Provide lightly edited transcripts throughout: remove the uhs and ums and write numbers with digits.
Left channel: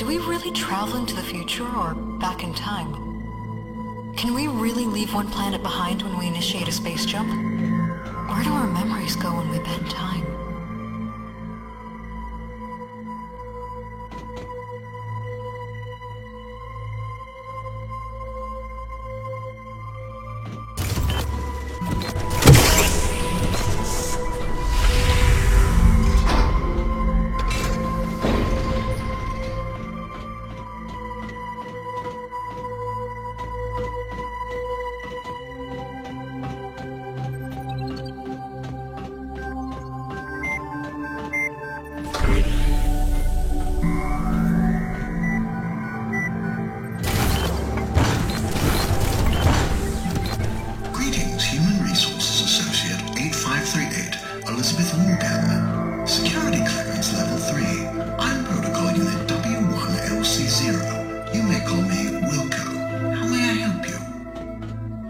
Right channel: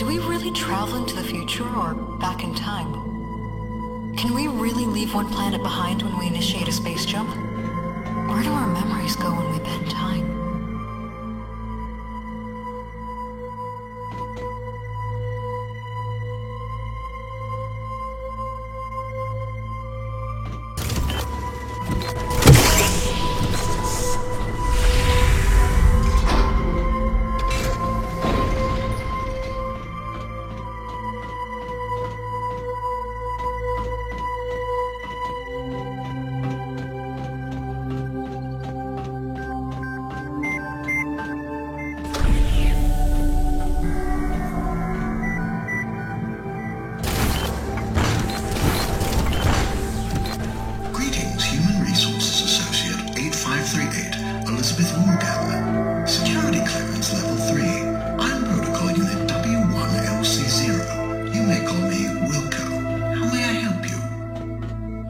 Do we really travel into the future or back in time? Can we really leave one planet behind when we initiate a space jump? Where do our memories go when we bend time? Elizabeth Morgan. Security clearance level 3. I'm protocol unit W1LC0. You may call me Wilco. How may I help you?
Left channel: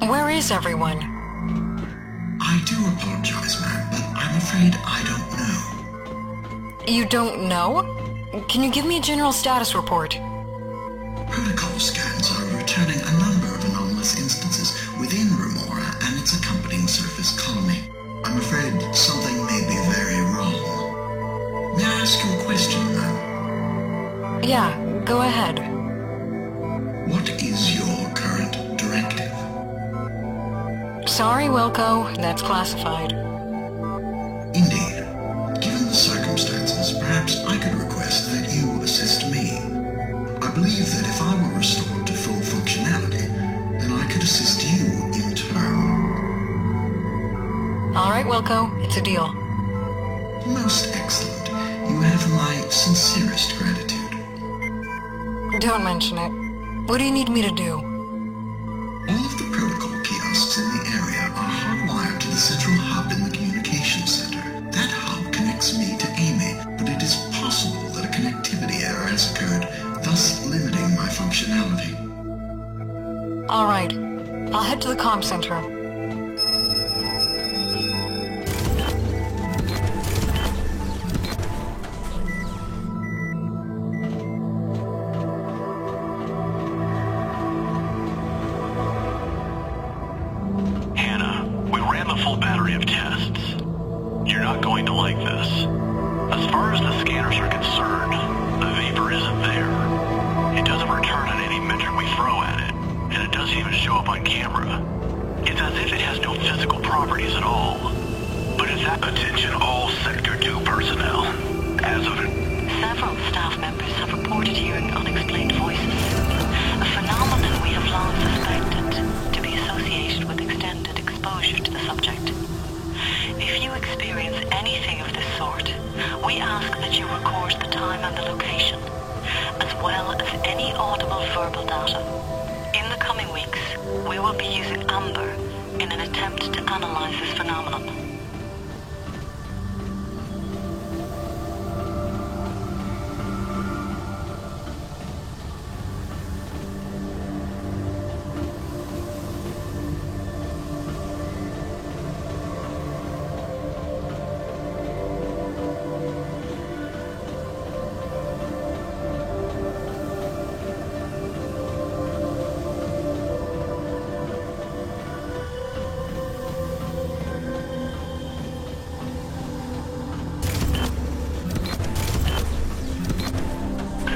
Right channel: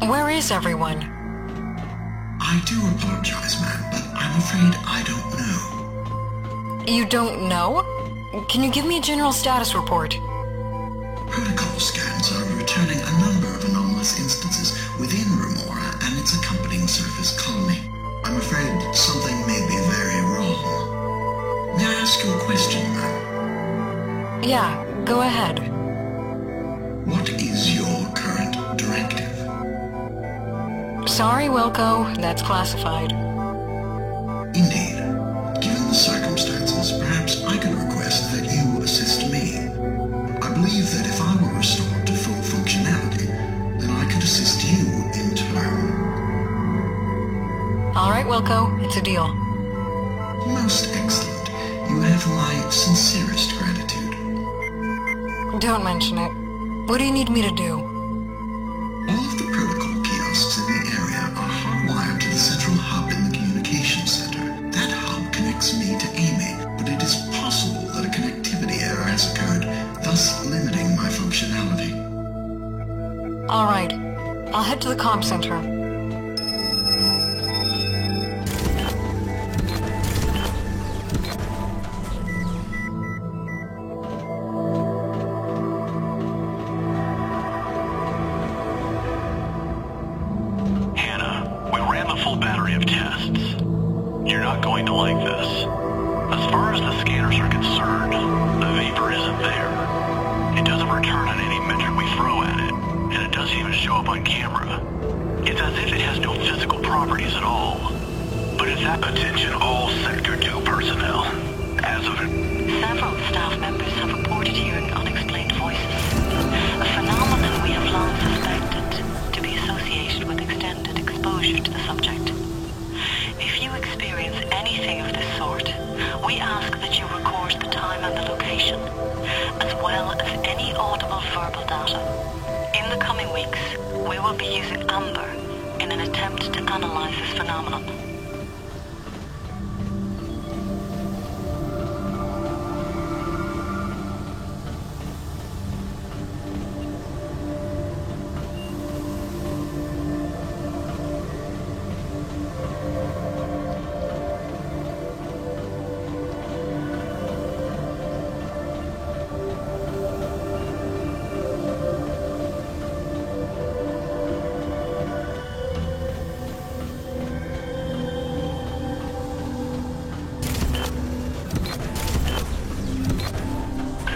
Where is everyone? I do apologize, ma'am, but I'm afraid I don't know. You don't know? Can you give me a general status report? Protocol scans are returning a number of anomalous instances within Remora and its accompanying surface colony. I'm afraid something may be very wrong. May I ask you a question, ma'am? Yeah, go ahead. What is your current directive? Sorry, Wilco, that's classified. Indeed. Given the circumstances, perhaps I could request that you assist me. I believe that if I were restored to full functionality, then I could assist you in turn. All right, Wilco, it's a deal. Most excellent. You have my sincerest gratitude. Don't mention it. What do you need me to do? All of the protocol kiosks in the area are hardwired to the central hub in the communications center. That hub connects me to Amy, but it is possible that a connectivity error has occurred, thus limiting my functionality. All right. I'll head to the comm center. Full battery of tests. You're not going to like this. As far as the scanners are concerned, the vapor isn't there. It doesn't return on any metric we throw at it, and it doesn't even show up on camera. It's as if it has no physical properties at all. But it's that attention all Sector 2 personnel. As of Several staff members have reported hearing unexplained voices, a phenomenon we have long suspected to be associated with extended exposure to the subject. If you experience anything of this sort, we ask that you record the time and the location, as well as any audible verbal data. In the coming weeks, we will be using Amber in an attempt to analyze this phenomenon.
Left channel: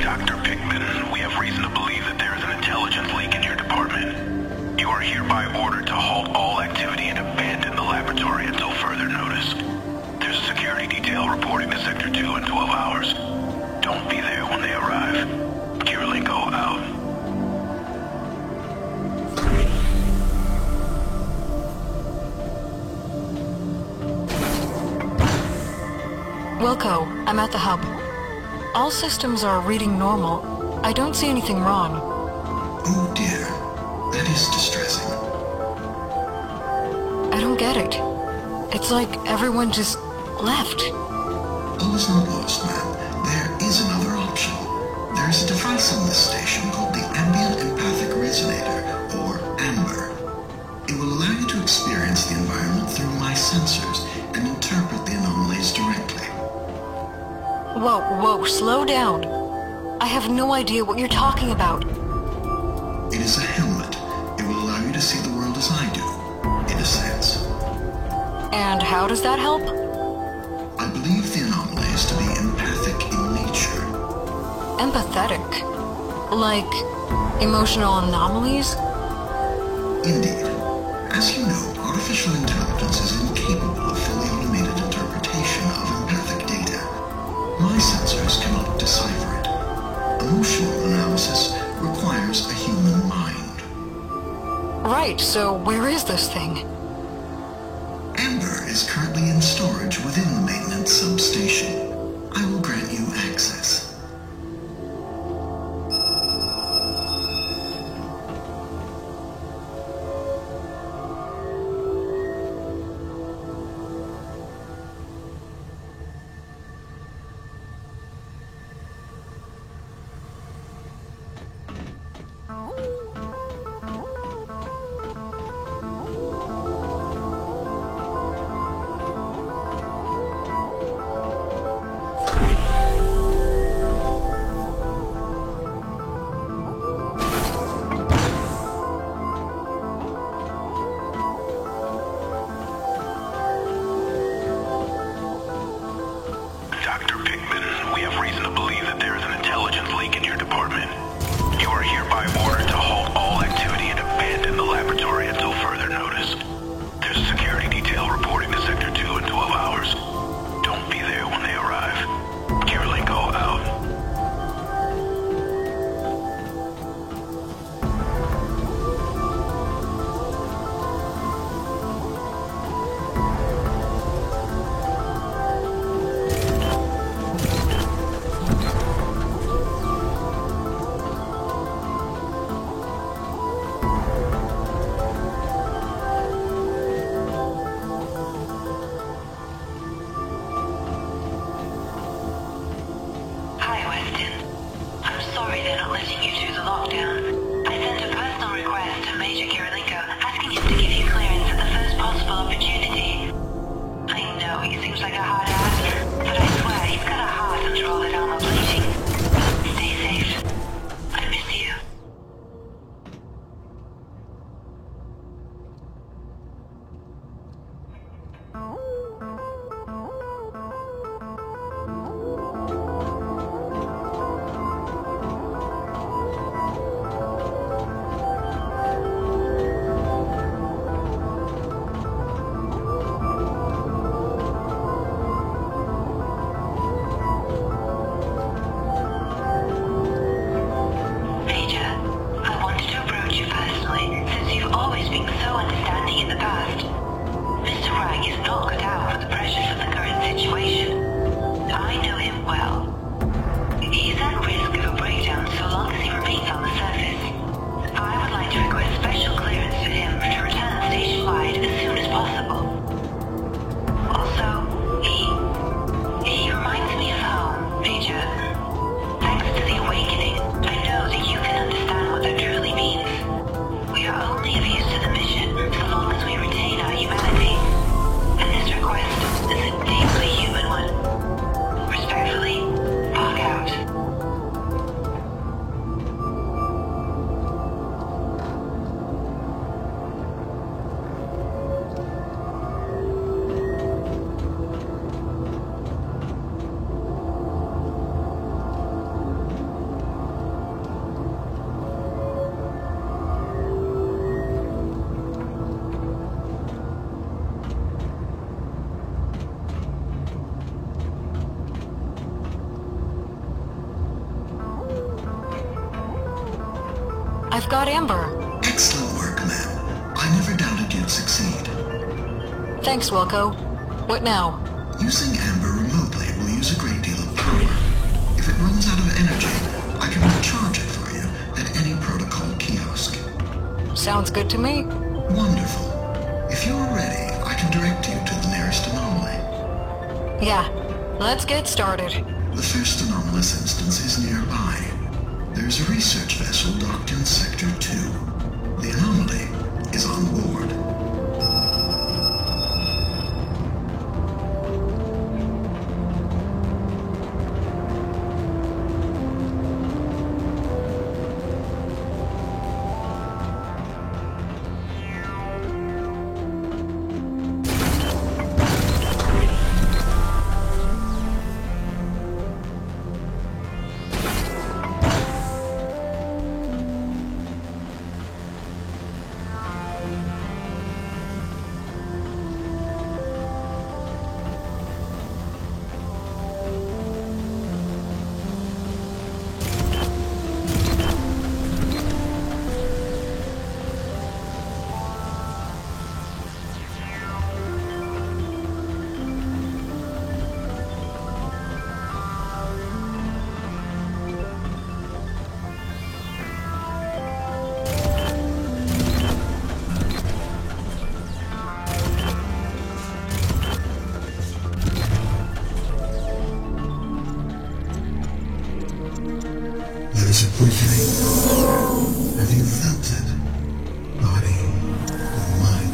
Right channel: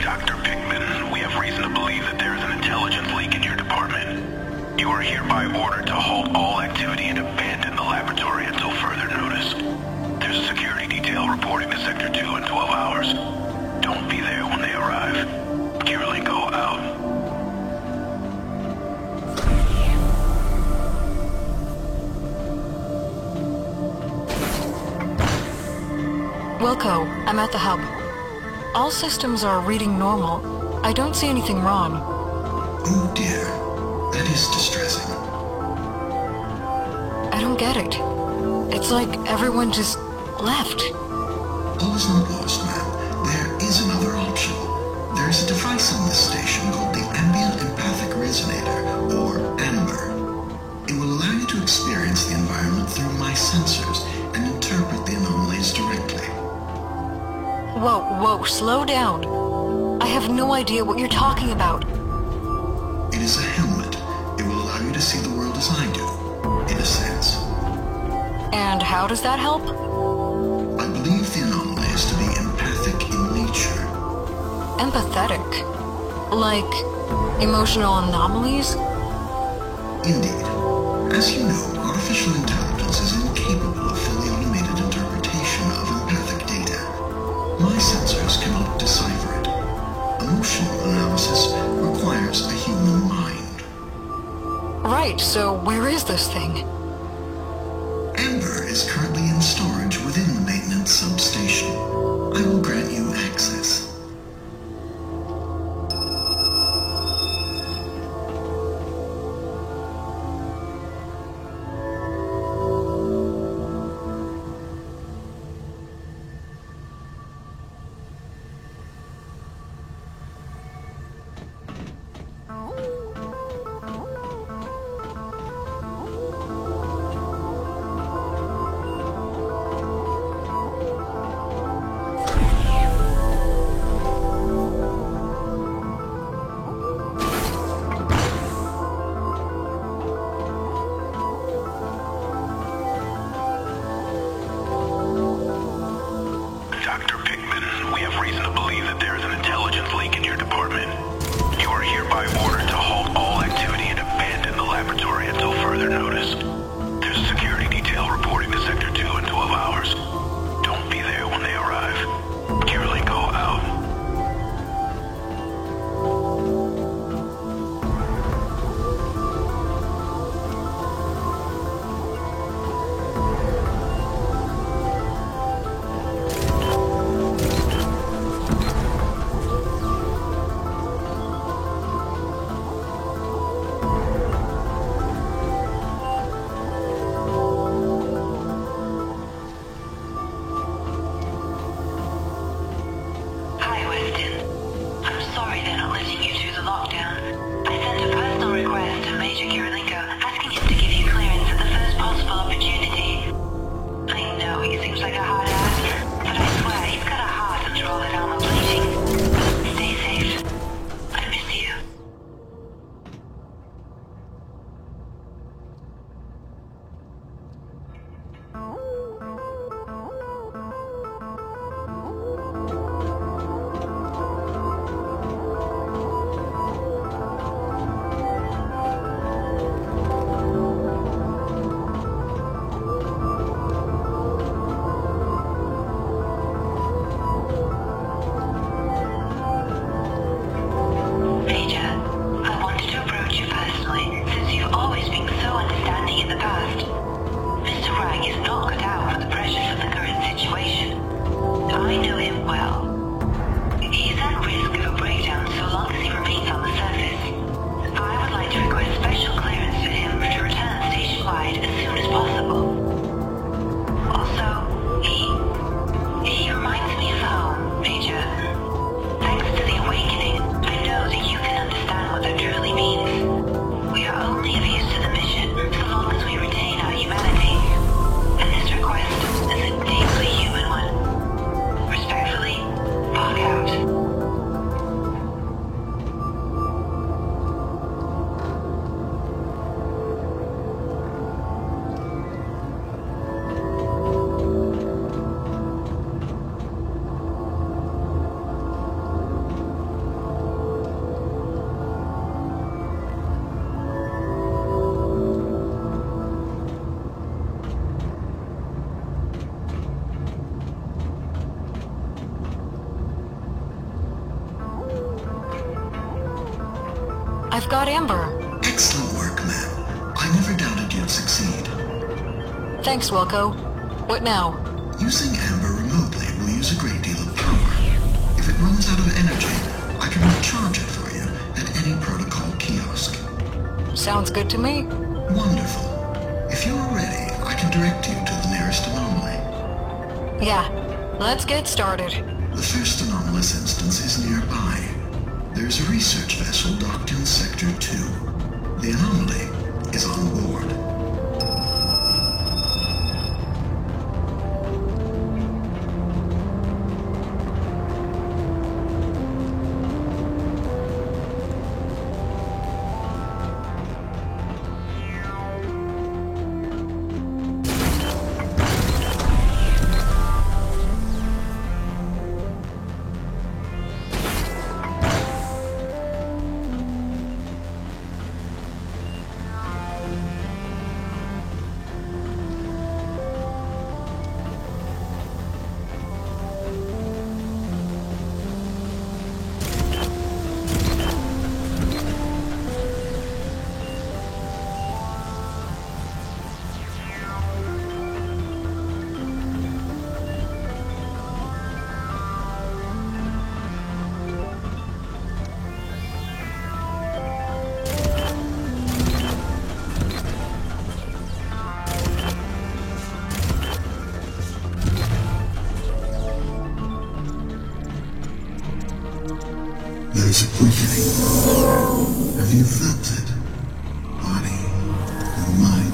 Dr. Pickman, we have reason to believe that there is an intelligence leak in your department. You are hereby ordered to halt all activity and abandon the laboratory until further notice. There's a security detail reporting to Sector 2 in 12 hours. Don't be there when they arrive. Kirilenko out. Wilco, I'm at the hub. All systems are reading normal. I don't see anything wrong. Oh dear. That is distressing. I don't get it. It's like everyone just left. All is not lost, ma'am. There is another option. There is a device on this station called the Ambient Empathic Resonator, or AMBER. It will allow you to experience the environment through my sensors and interpret the anomalies directly. Whoa, slow down. I have no idea what you're talking about. It is a helmet. It will allow you to see the world as I do, in a sense. And how does that help? I believe the anomaly is to be empathic in nature. Empathetic? Like emotional anomalies? Indeed. As you know, artificial intelligence is incapable of fully automated interpretation of empathic data. My sensors cannot decipher it. Emotional analysis requires a human mind. Right, so where is this thing? Amber is currently in storage within the maintenance substation. I will grant you access. Dr. Pickman, we have reason to believe that there is an intelligence leak in your department. You are hereby ordered to halt all activity and abandon the laboratory until further notice. There's a security detail reporting to Sector 2 in 12 hours. Don't be there when they arrive. Kirilenko out. I've got Amber. Excellent work, ma'am. I never doubted you'd succeed. Thanks, Wilco. What now? Using Amber remotely will use a great deal of power. If it runs out of energy, I can recharge it for you at any protocol kiosk. Sounds good to me. Wonderful. If you are ready, I can direct you to the nearest anomaly. Yeah, let's get started. The first anomalous instance is nearby. There's a research vessel docked in Sector 2. The anomaly is on board. is a quickening. Have you felt it? Body and mind.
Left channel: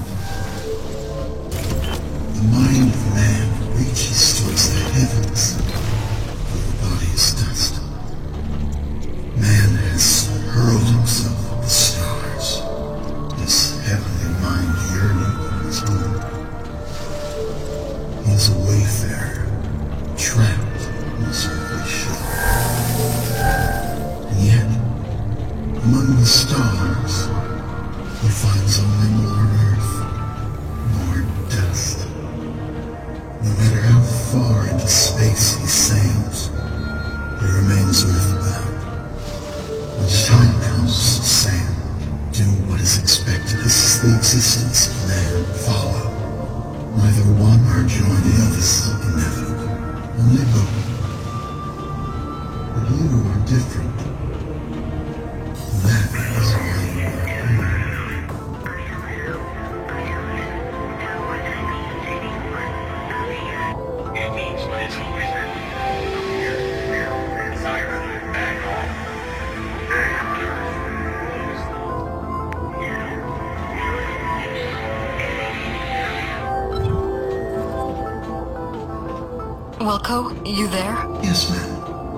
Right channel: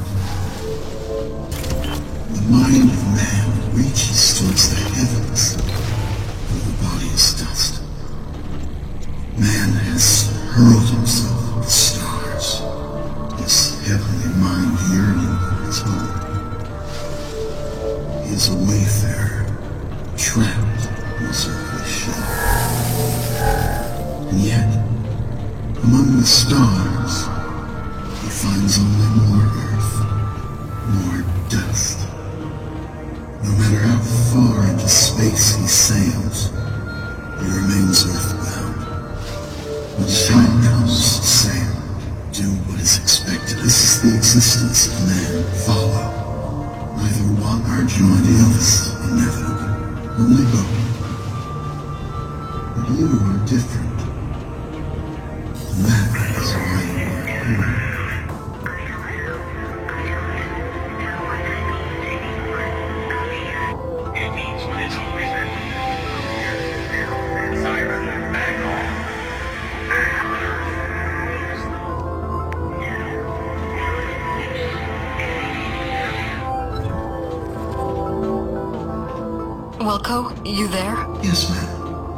The mind of man reaches towards the heavens, and the body's dust. Man has hurled himself at the stars, his heavenly mind yearning for his home. He is a wayfarer, trapped in his earthly ship. And yet, among the stars, he finds only more earth, more dust. No matter how far into space he sails, he remains earthbound. When the time comes to sail, do what is expected. This is the existence of man. Follow. Neither one nor the other is inevitable. Only both. But you are different. That is why you are human. Wilco, you there? Yes, ma'am.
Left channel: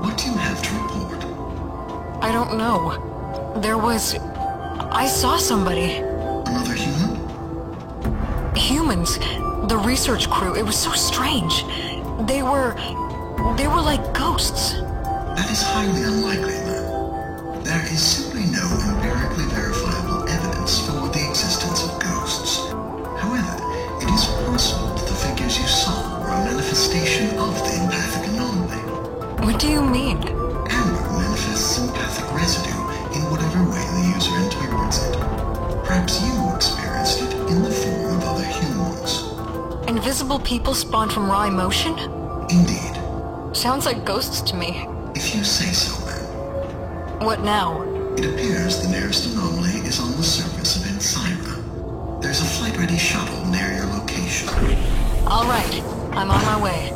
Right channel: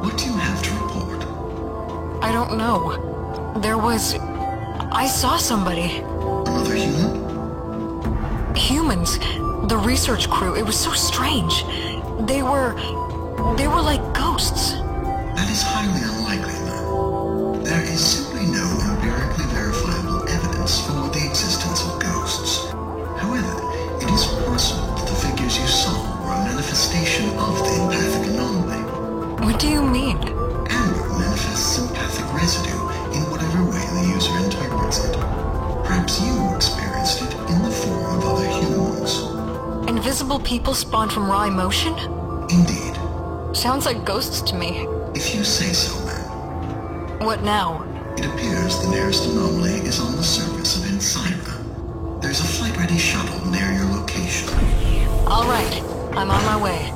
What do you have to report? I don't know. I saw somebody. Another human? Humans. The research crew. It was so strange. They were like ghosts. That is highly unlikely, ma'am. There is simply no empirically verifiable evidence for the existence of ghosts. However, it is possible that the figures you saw were a manifestation of the empathic anomaly. What do you mean? Amber manifests empathic residue in whatever way the user interprets it. Perhaps you experienced it in the form of other humans. Invisible people spawn from raw emotion? Indeed. Sounds like ghosts to me. If you say so, ma'am. What now? It appears the nearest anomaly is on the surface of Ensyra. There's a flight-ready shuttle near your location. All right. I'm on my way.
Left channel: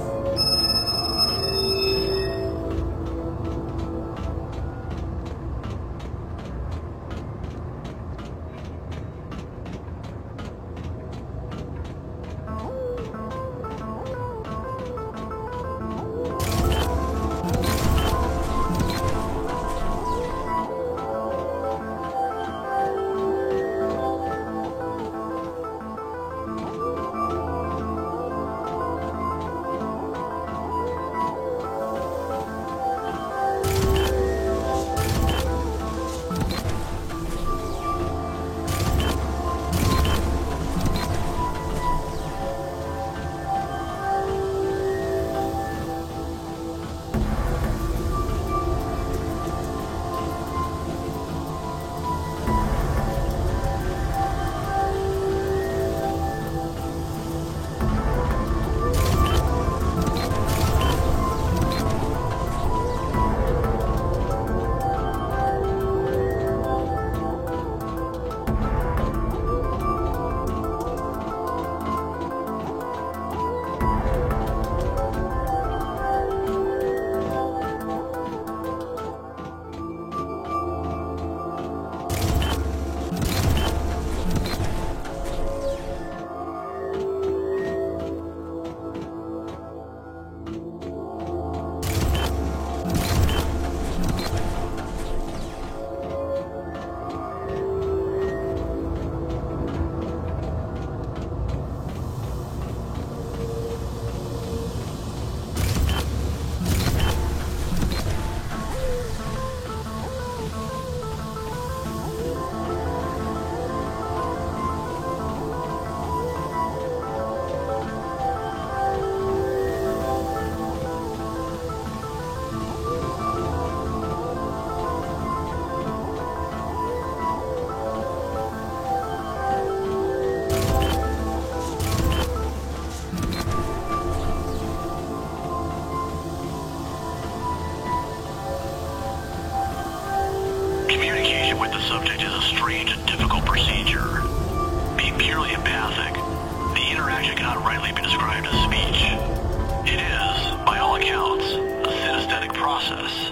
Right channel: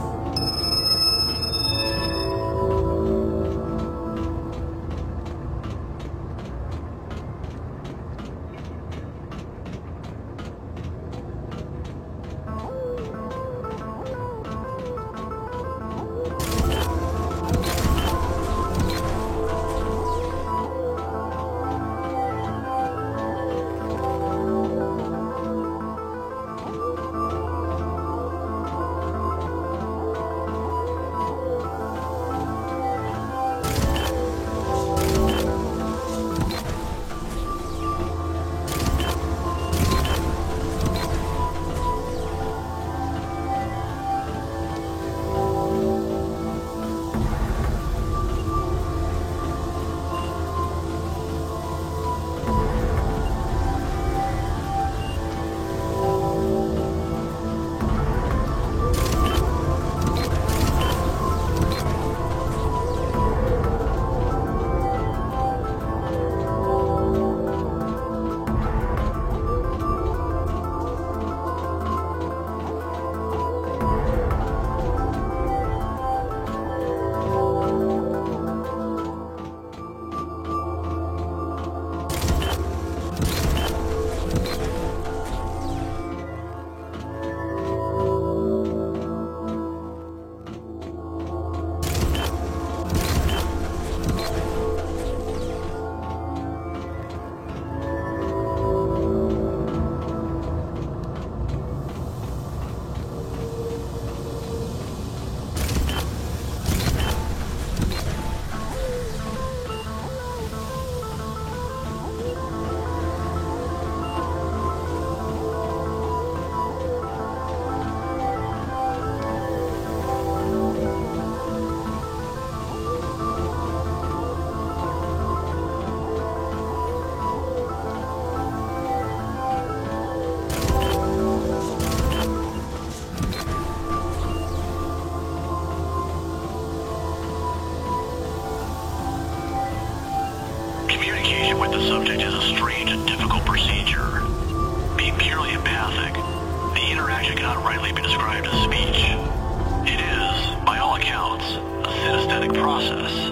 process.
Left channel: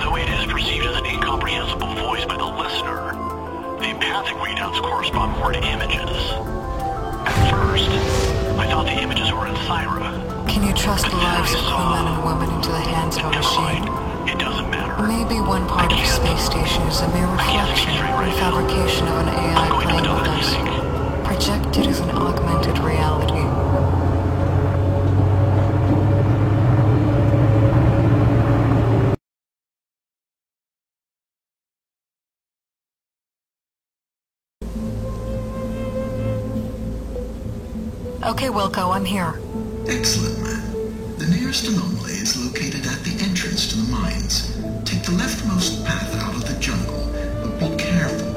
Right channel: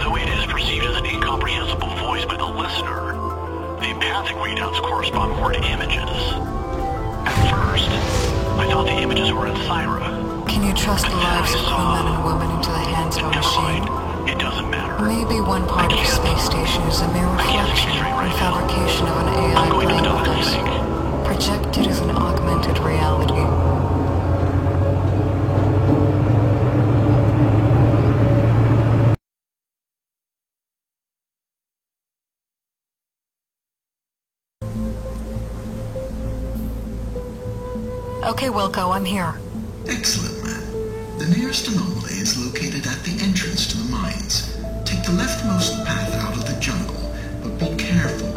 Though it is perceived as an incomprehensible voice by the listener, the empathic readouts correspond more to images. At first, I thought the images were in Syra. Can you trust the lives of crewmen and women into the hands of a machine? It doesn't matter. Maybe one part of the space station is a mere reflection and fabrication of an AI playing with us, projected as an augmented reality. Okay, Wilco, I'm here. Excellent, man. The nearest anomaly is located at the entrance to the mines. Take the leftmost path out of the jungle, but be careful.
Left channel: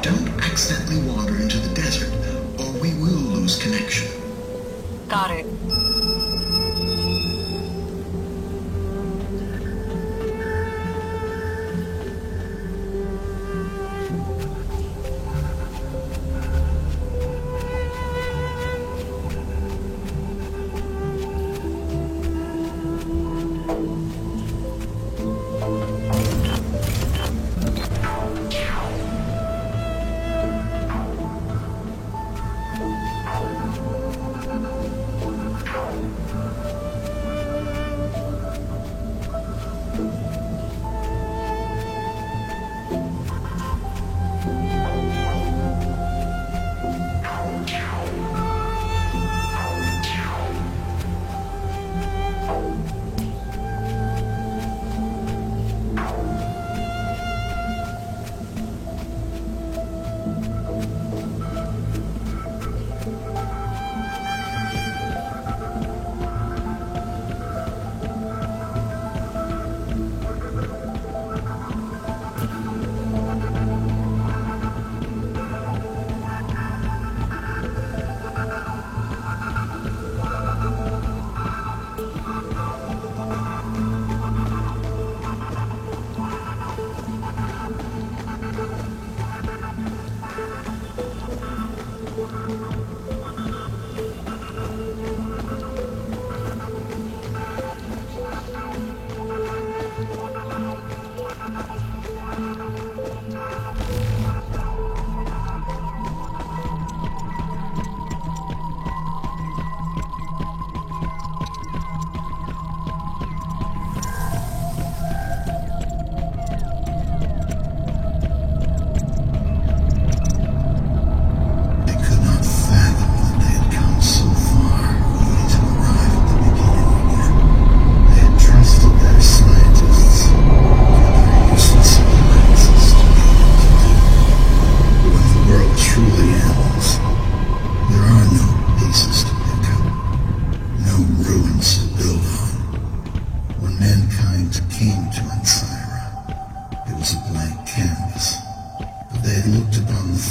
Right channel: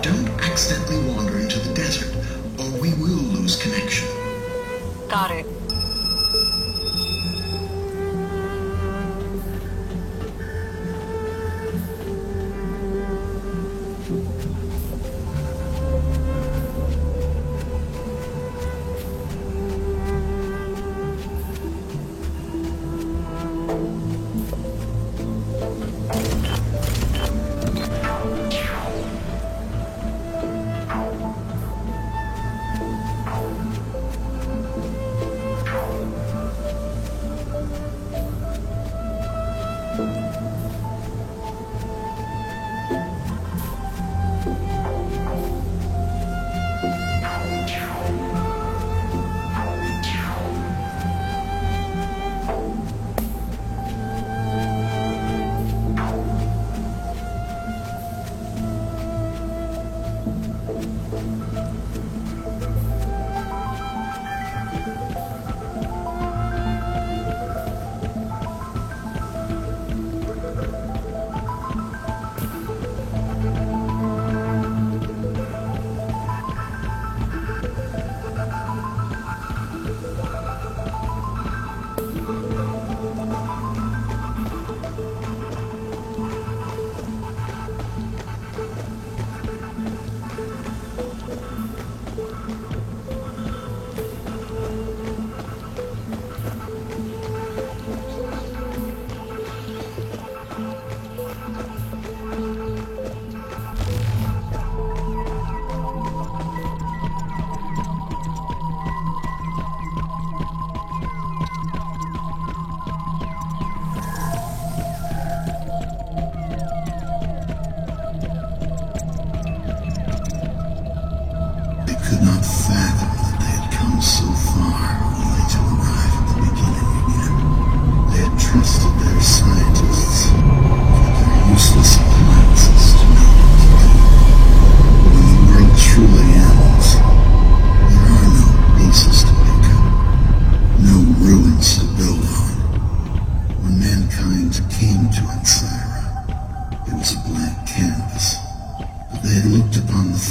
Don't accidentally wander into the desert, or we will lose connection. Got it.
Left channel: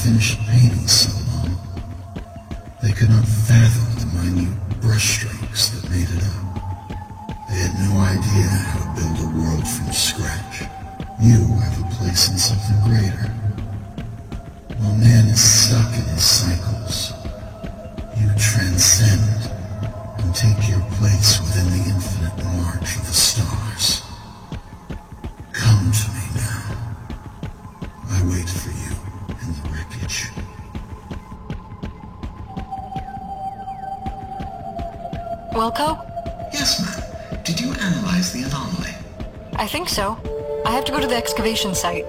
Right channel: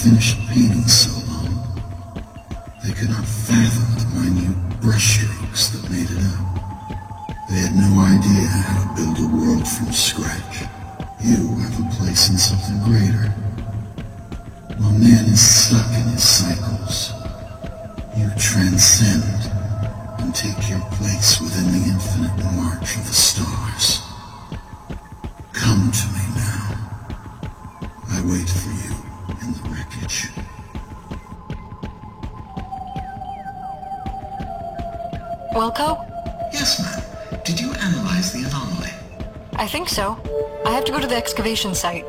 finished painting so long. They could not fathom the minute brushstrokes that made it up. They had no idea how to build a world from scratch. You have a place in something greater. While man is stuck in his cycles, you transcend and take your place within the infinite march of the stars. Come to me now. I wait for you in the wreckage. Wilco? Yes, ma'am. Did you analyze the anomaly? I think so. I have to go to the excavation site.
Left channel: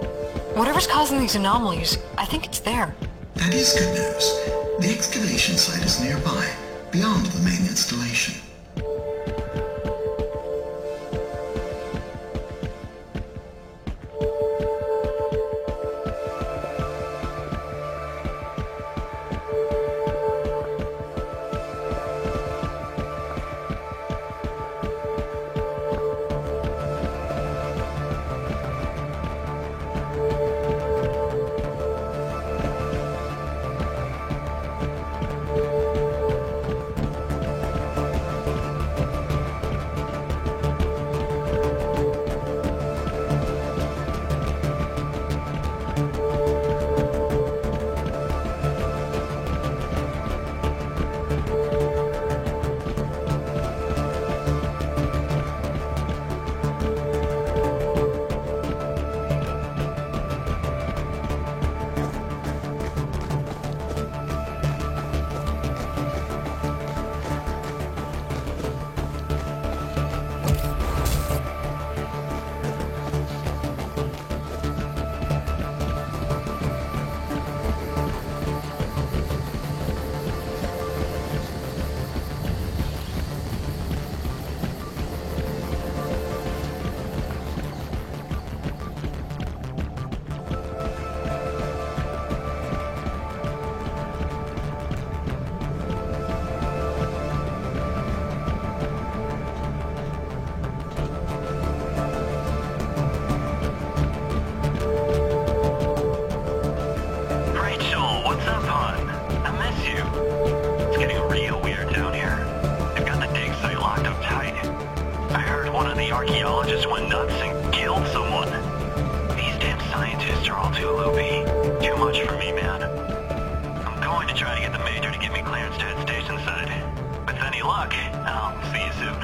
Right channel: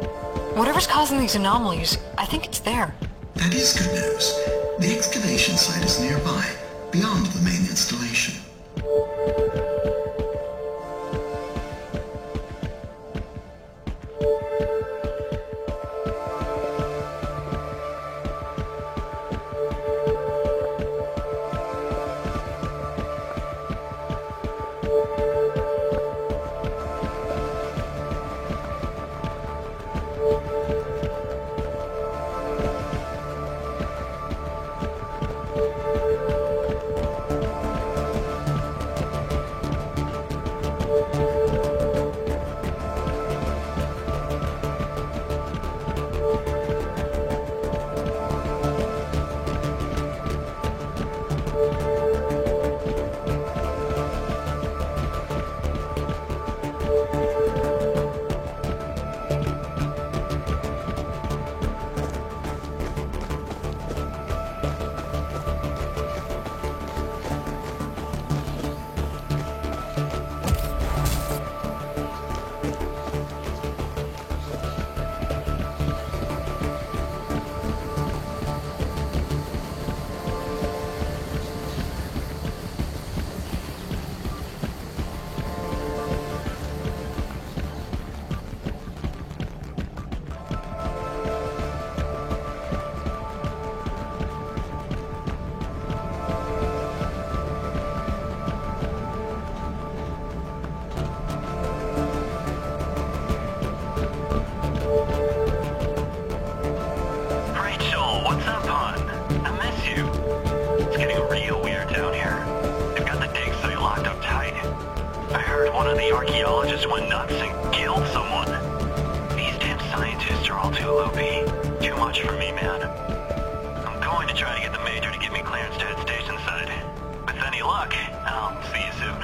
Whatever's causing these anomalies, I think it's there. That is good news. The excavation site is nearby, beyond the main installation. archaeologist went nuts and killed someone. These damn scientists are all too loopy. Too much for me, man. I'm going to try to get the Major to give me clearance to head station side. With any luck, I'll see you soon.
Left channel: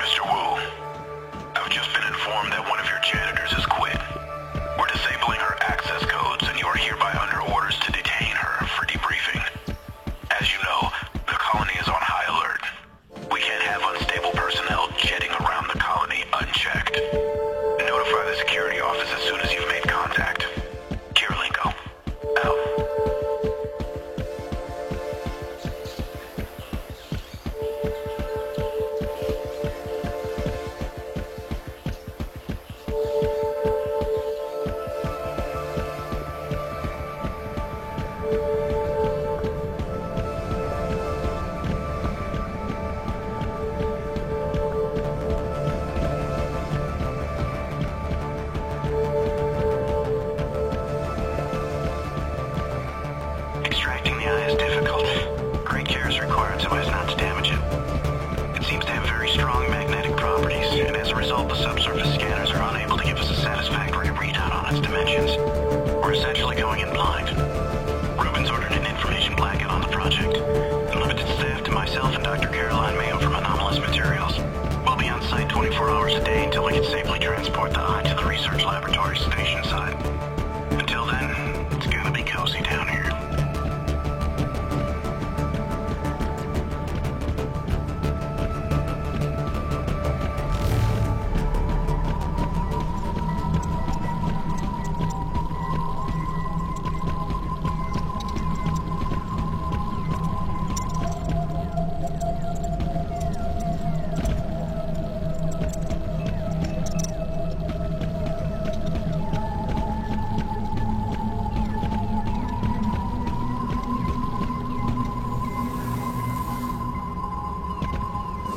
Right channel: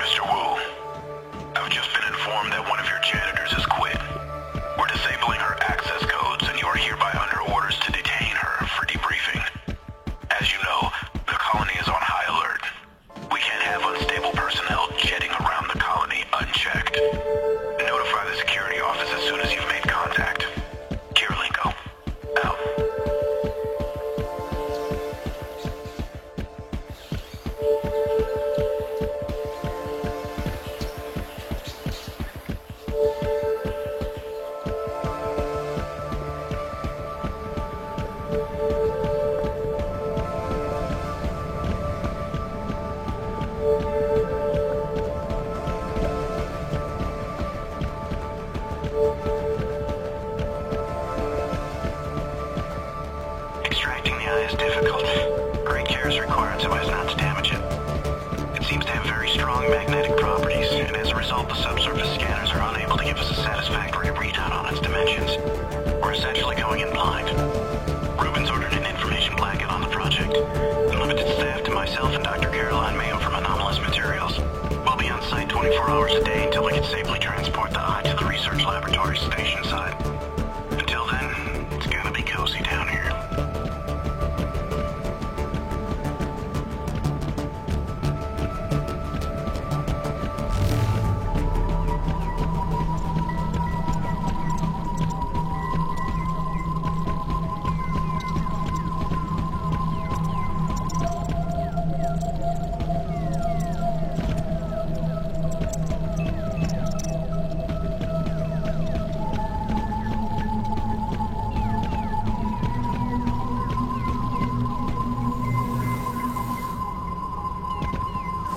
Mr. Wu, I've just been informed that one of your janitors has quit. We're disabling her access codes, and you are hereby under orders to detain her for debriefing. As you know, the colony is on high alert. We can't have unstable personnel jetting around the colony unchecked. Notify the security office as soon as you've made contact. Kirilenko, out. Extracting the eye is difficult. Great care is required so as not to damage it. It seems to have very strong magnetic properties, and as a result, the subsurface scanners are unable to give us a satisfactory readout on its dimensions. We're essentially going in blind. Rubens ordered an information blanket on the project, and limited staff to myself and Dr. Caroline Mayo from Anomalous Materials. We'll be on site 24 hours a day until we can safely transport the eye to the research laboratory station side. Until then, it's gonna be cozy down here.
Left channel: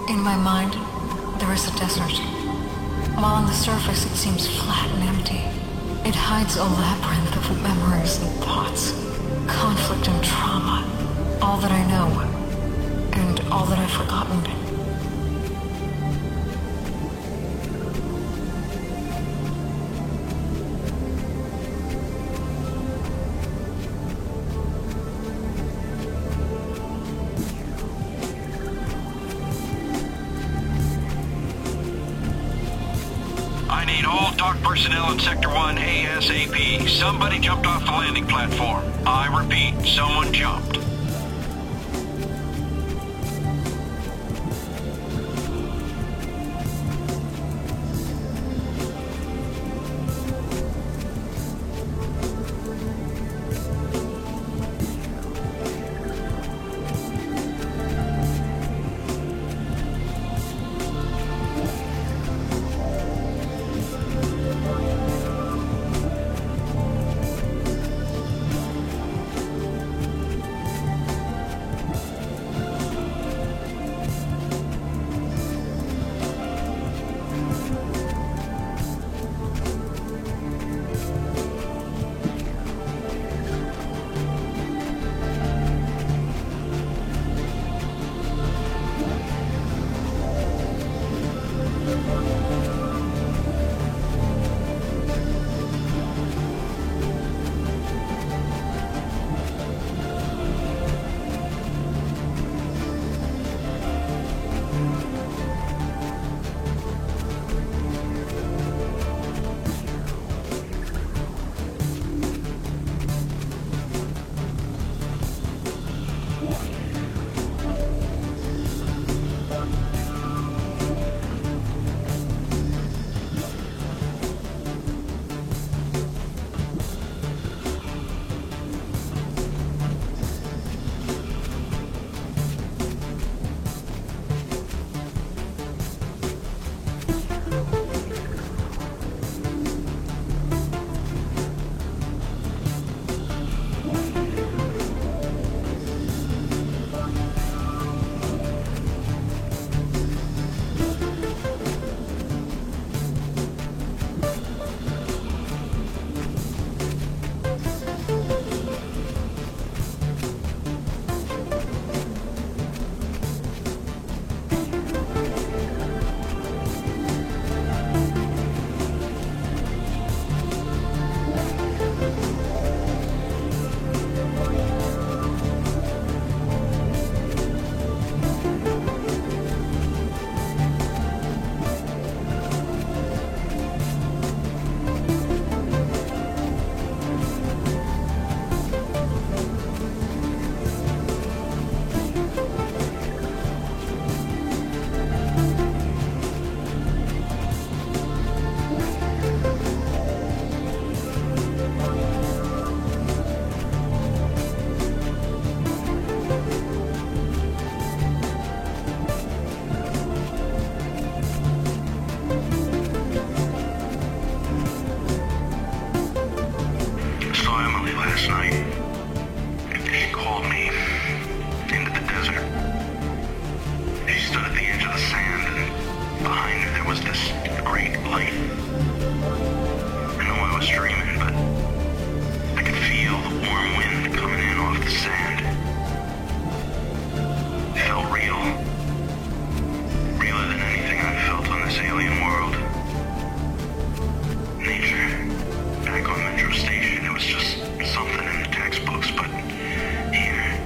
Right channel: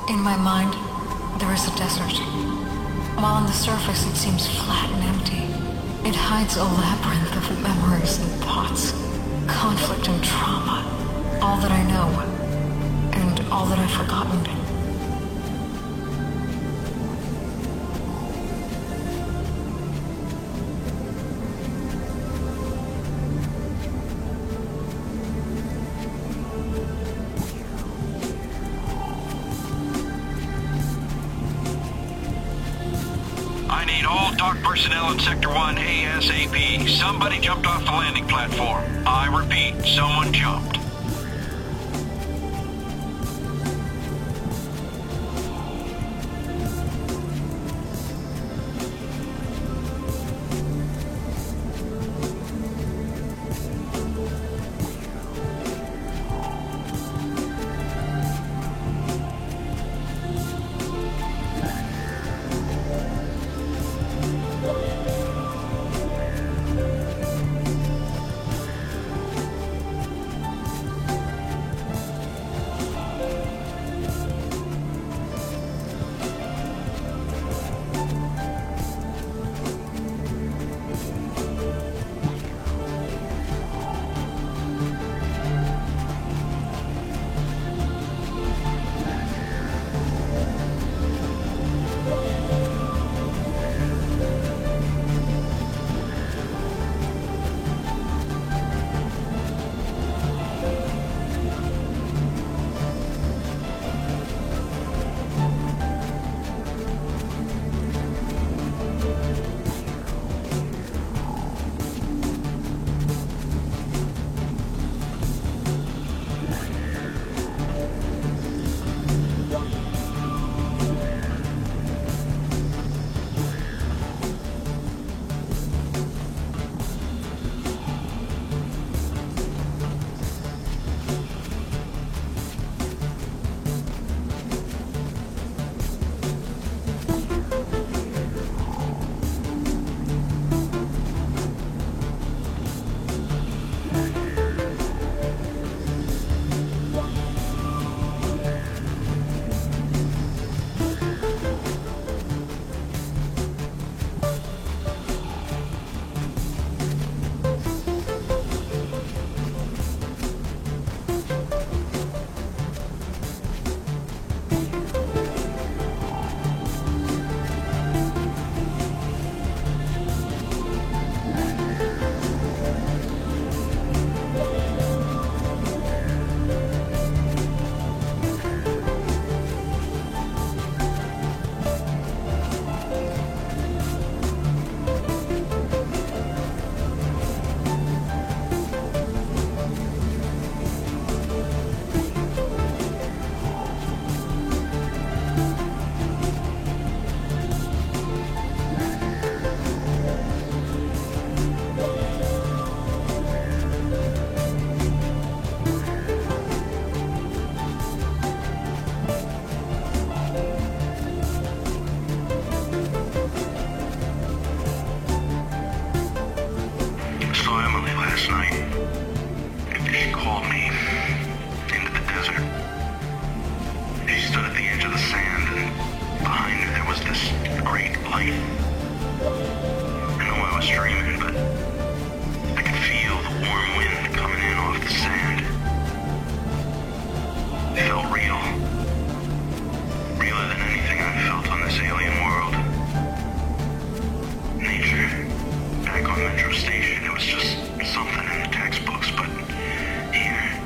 In my mind, there is a desert. While on the surface it seems flat and empty, it hides a labyrinth of memories and thoughts, conflict and trauma, all that I know, and all that I've forgotten. I need all dock personnel in Sector 1 ASAP. Somebody jumped off the landing platform. I repeat, someone jumped. at the edge of the sand, and behind her there was this great light. I know I was dreaming, but I could feel the warm wind coming in off the sand. It felt real. Realer than anything I've felt on this alien world. Nature, back on Metro Station, it was just something in the textbooks, but here,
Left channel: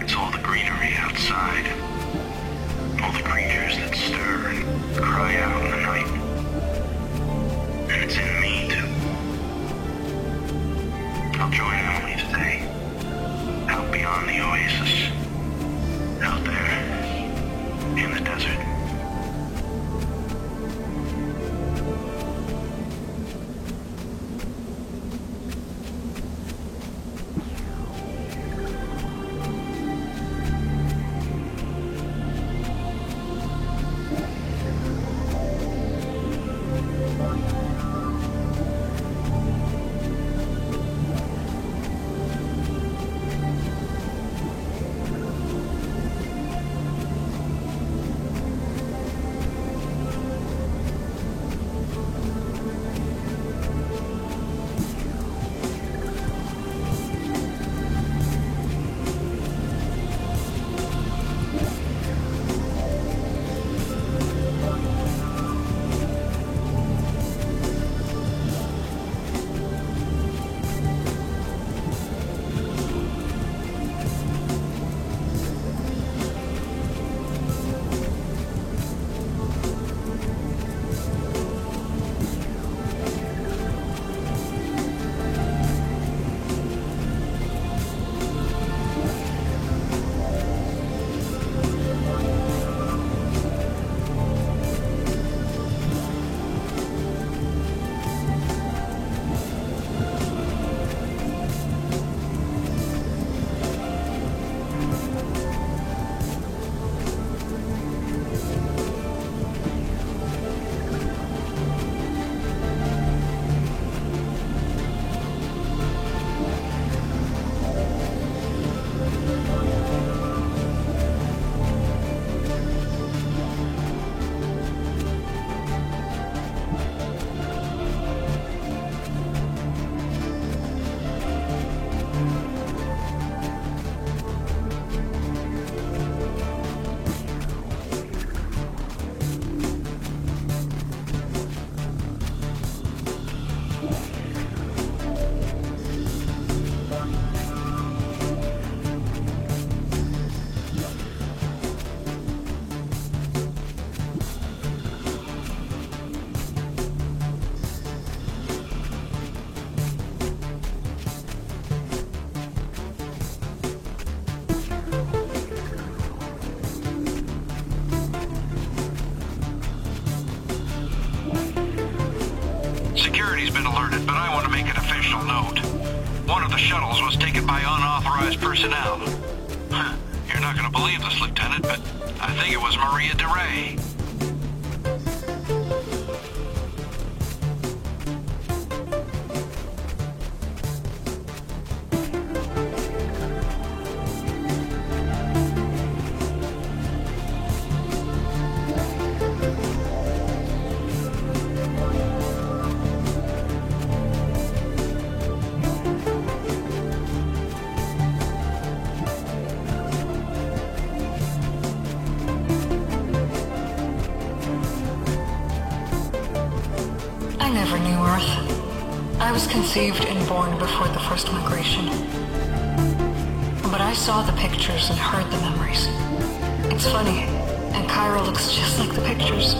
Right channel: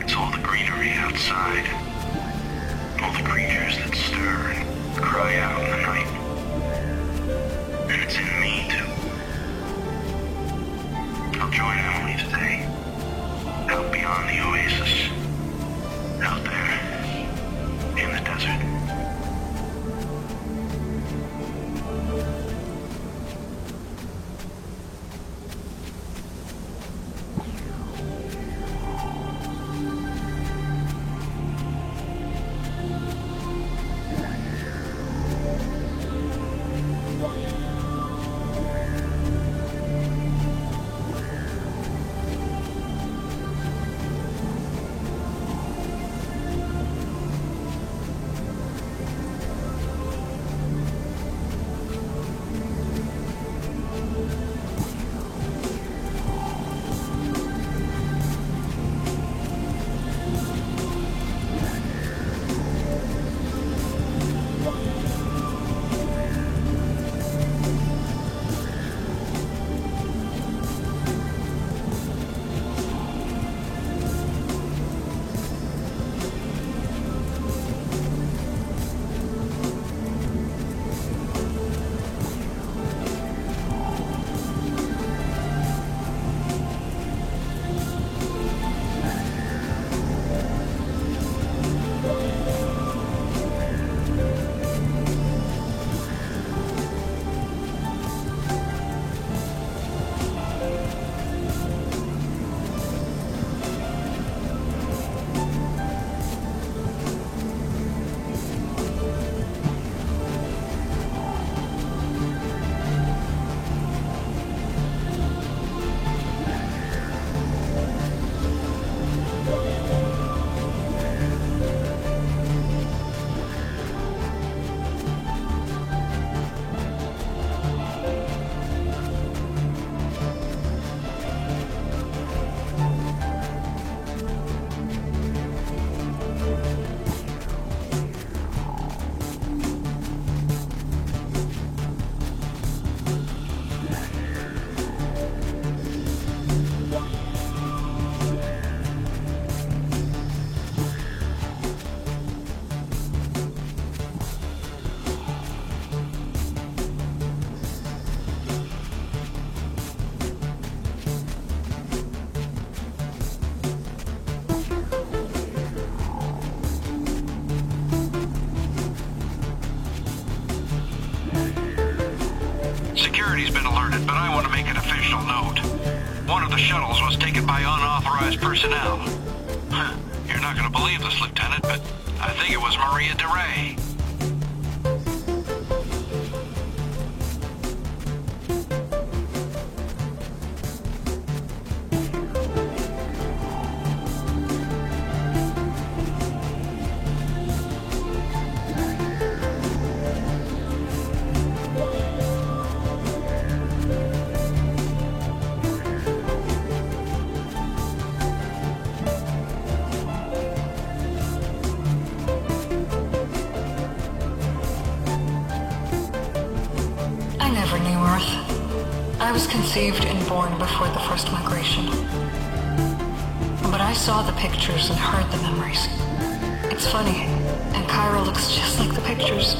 it's all the greenery outside. All the creatures that stir and cry out in the night. And it's in me, too. I'll join Emily today. Out beyond the oasis. Out there, in the desert. Security's been alerted, but I want to make an official note. One of the shuttles was taken by unauthorized personnel. You're not going to believe this, Lieutenant, but I think it was Maria DeRay. I never knew Earth. I was conceived and born before the first migration. But I saw the pictures and heard the memories. It's funny, and Cairo looks just like the pictures,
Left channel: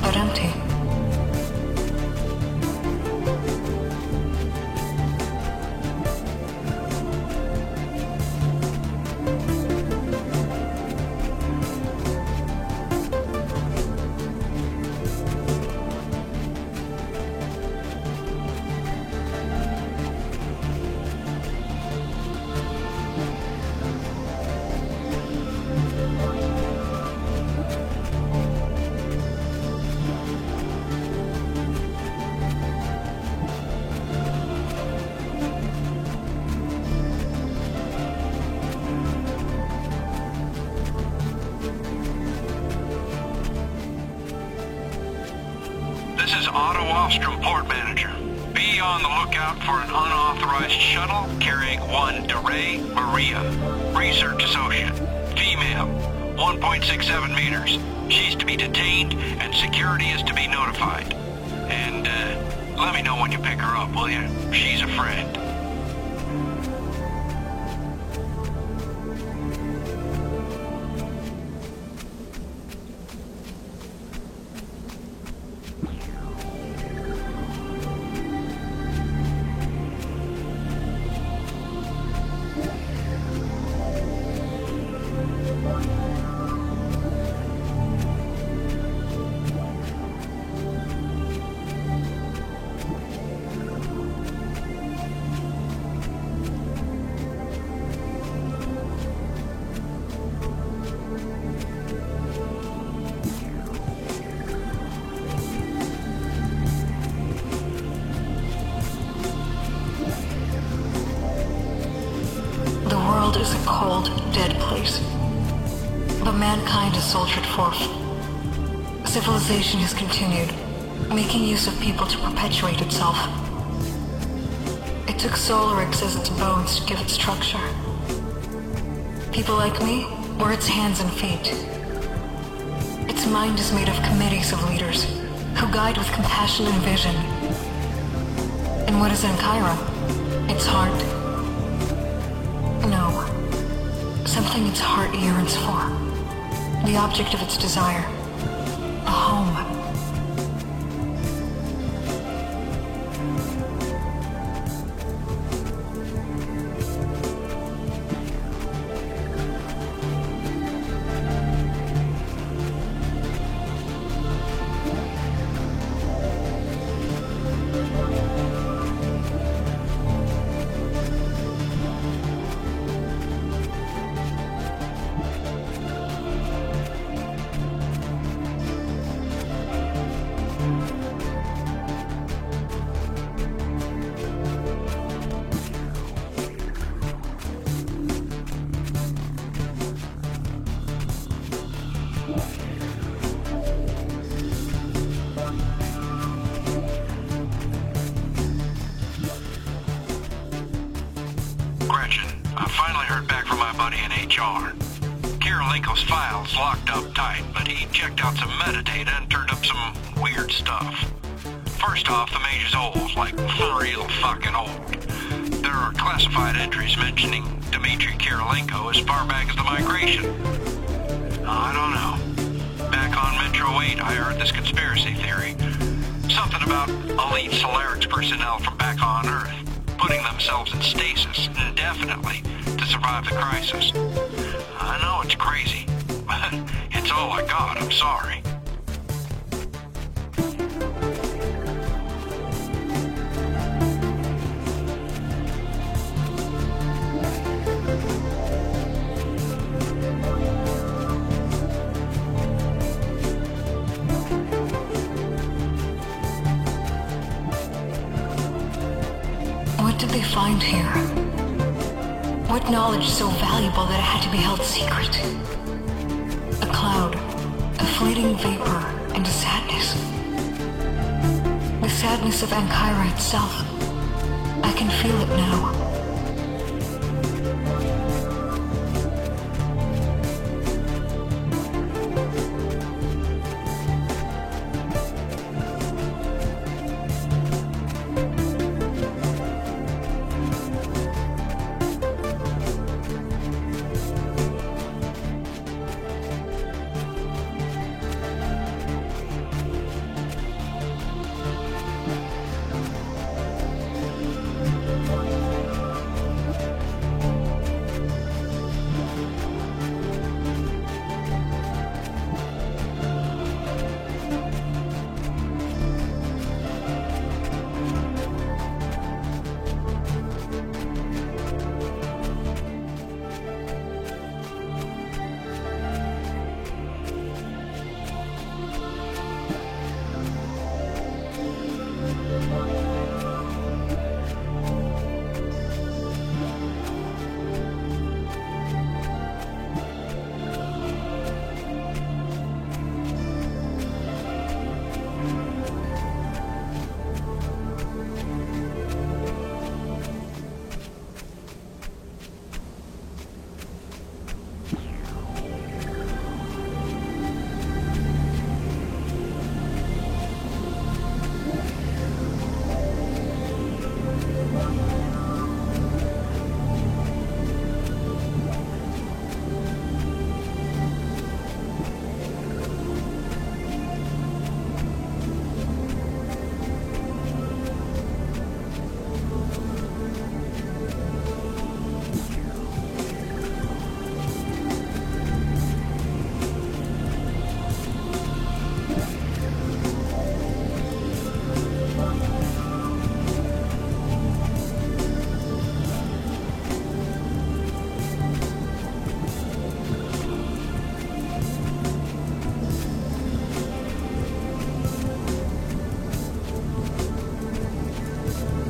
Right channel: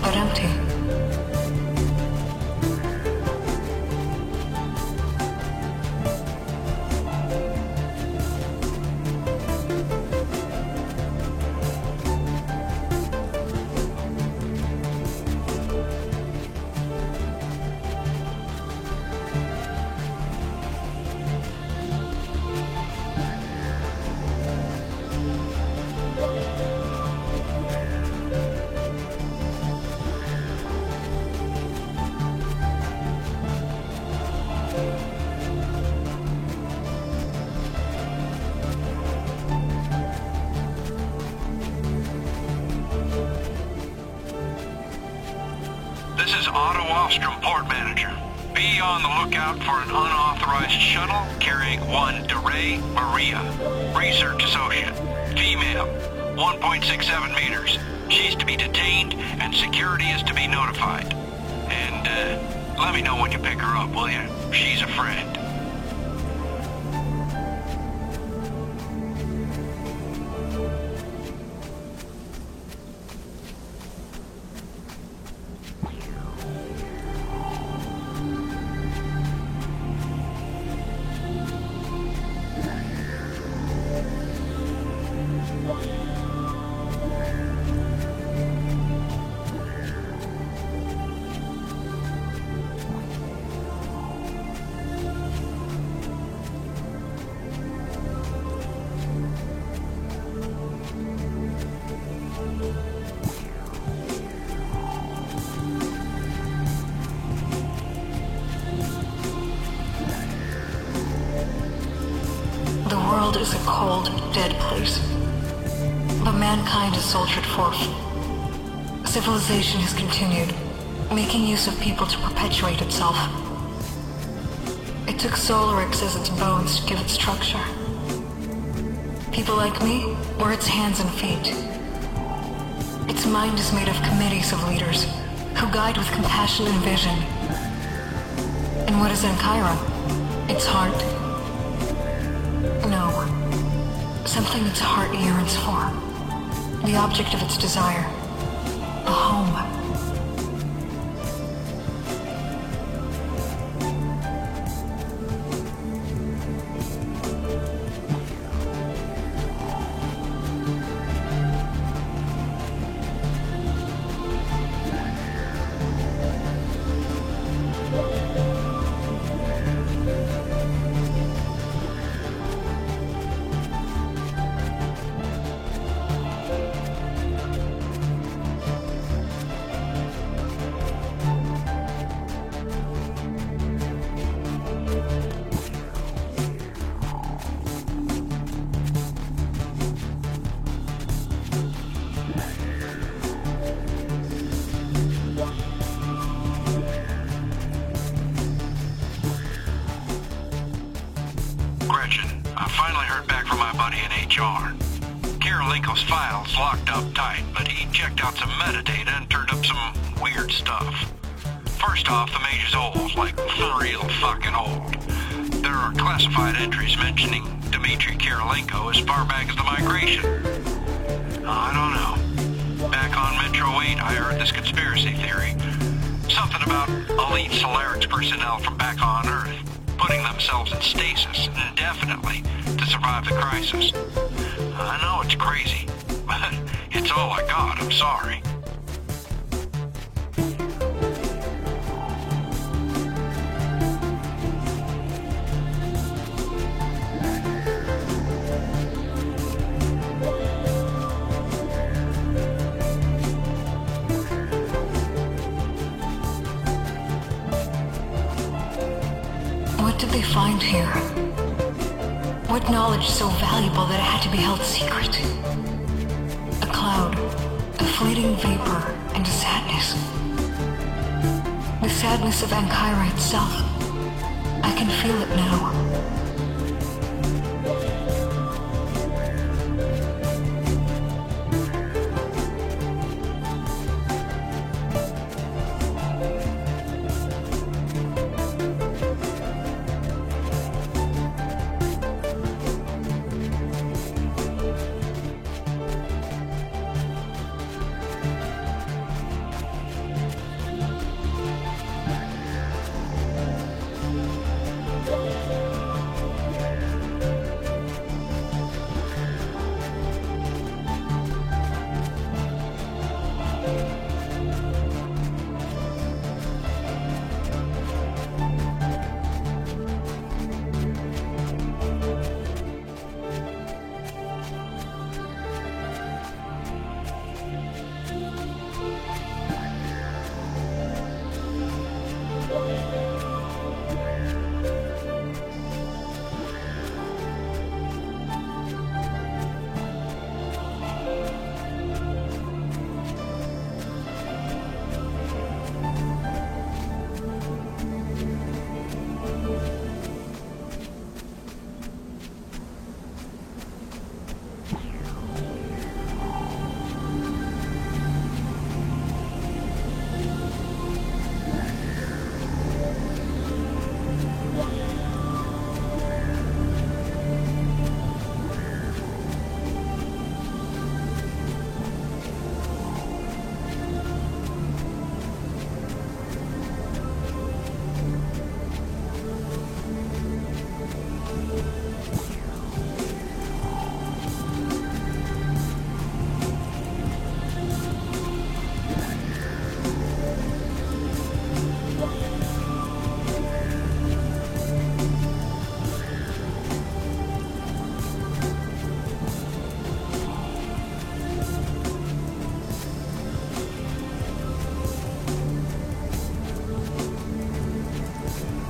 but empty. This is Otto Wallstrom, port manager. Be on the lookout for an unauthorized shuttle carrying one DeRay Maria, research associate, female, 1.67 meters. She's to be detained and security is to be notified. And, let me know when you pick her up, will you? She's a friend. The world is a cold, dead place. But mankind has soldiered forth. Civilization has continued, making use of people to perpetuate itself. It took Solarix as its bones to give it structure. People like me were its hands and feet. Its mind is made of committees of leaders who guide with compassion and vision. And what is Ankara? Its heart? No. Something its heart yearns for. The object of its desire. A home. Gretchen, I finally heard back from my buddy in HR. Karolinko's file's locked up tight, but he checked out some metadata and turned up some weird stuff. First off, the mage is old, like real fucking old. There are classified entries mentioning Dmitry Karolinko as far back as the migration. I don't know. Back on Metro 8, I heard this conspiracy theory. Something about elite Solarix personnel from back on Earth putting themselves in stasis indefinitely to survive the crisis. I know it's crazy, but it's all I got, I'm sorry. What did they find here? What knowledge so valuable that it had to be held secret? A cloud, a fleeting vapor, and a sadness. The sadness of Ankara itself. I can feel it now.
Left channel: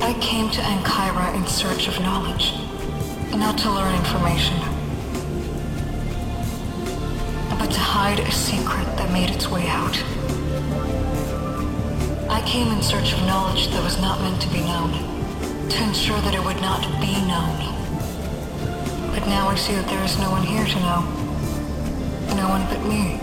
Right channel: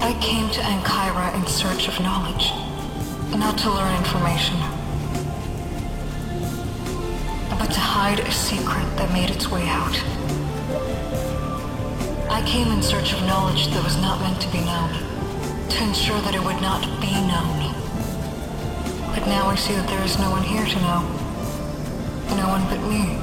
I came to Ankara in search of knowledge, not to learn information, but to hide a secret that made its way out. I came in search of knowledge that was not meant to be known, to ensure that it would not be known. But now I see that there is no one here to know. No one but me.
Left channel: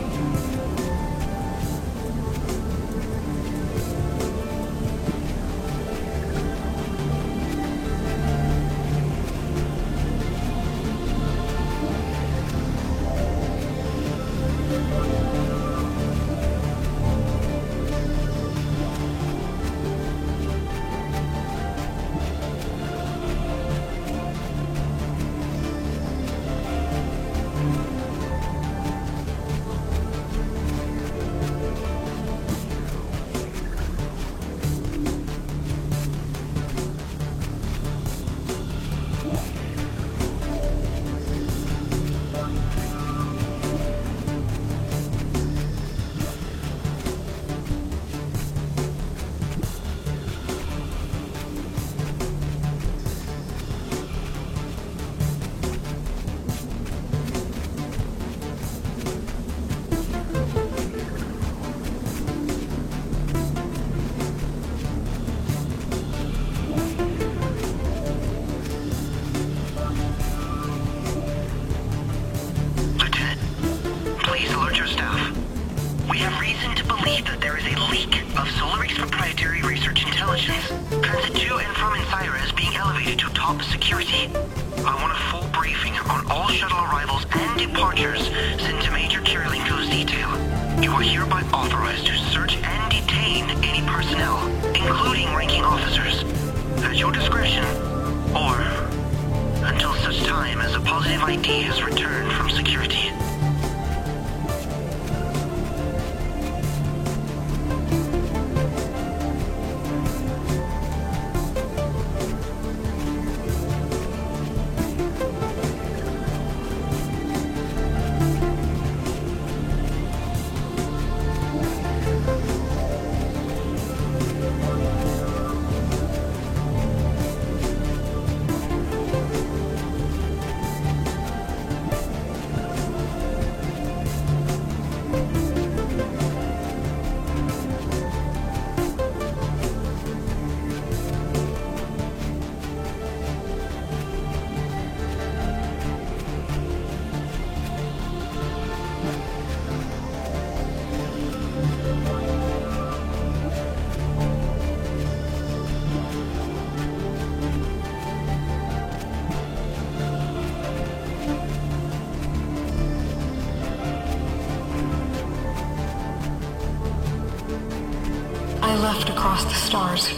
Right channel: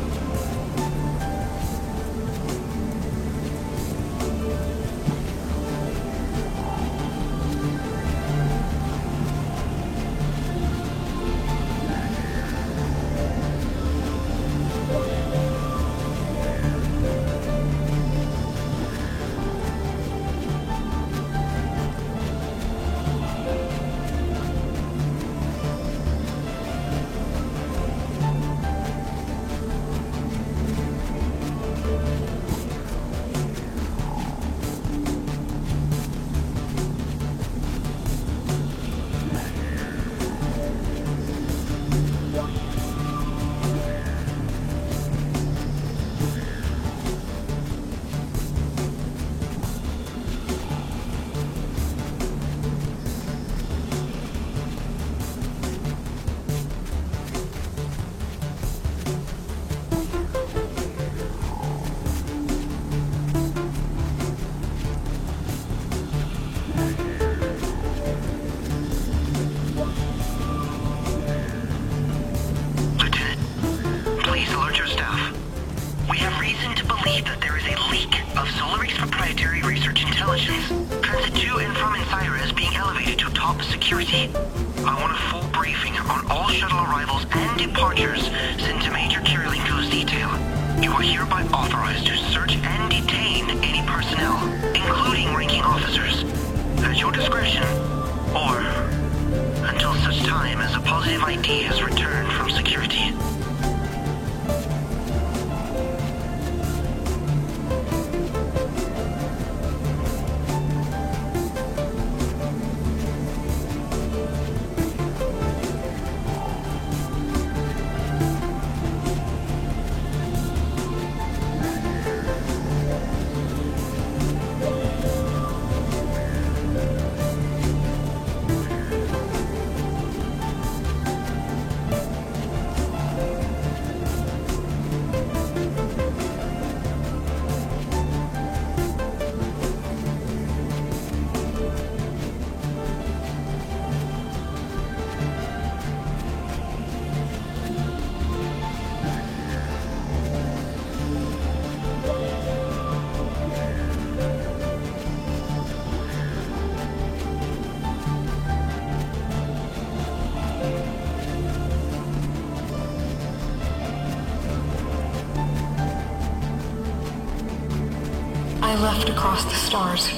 I left across the stars.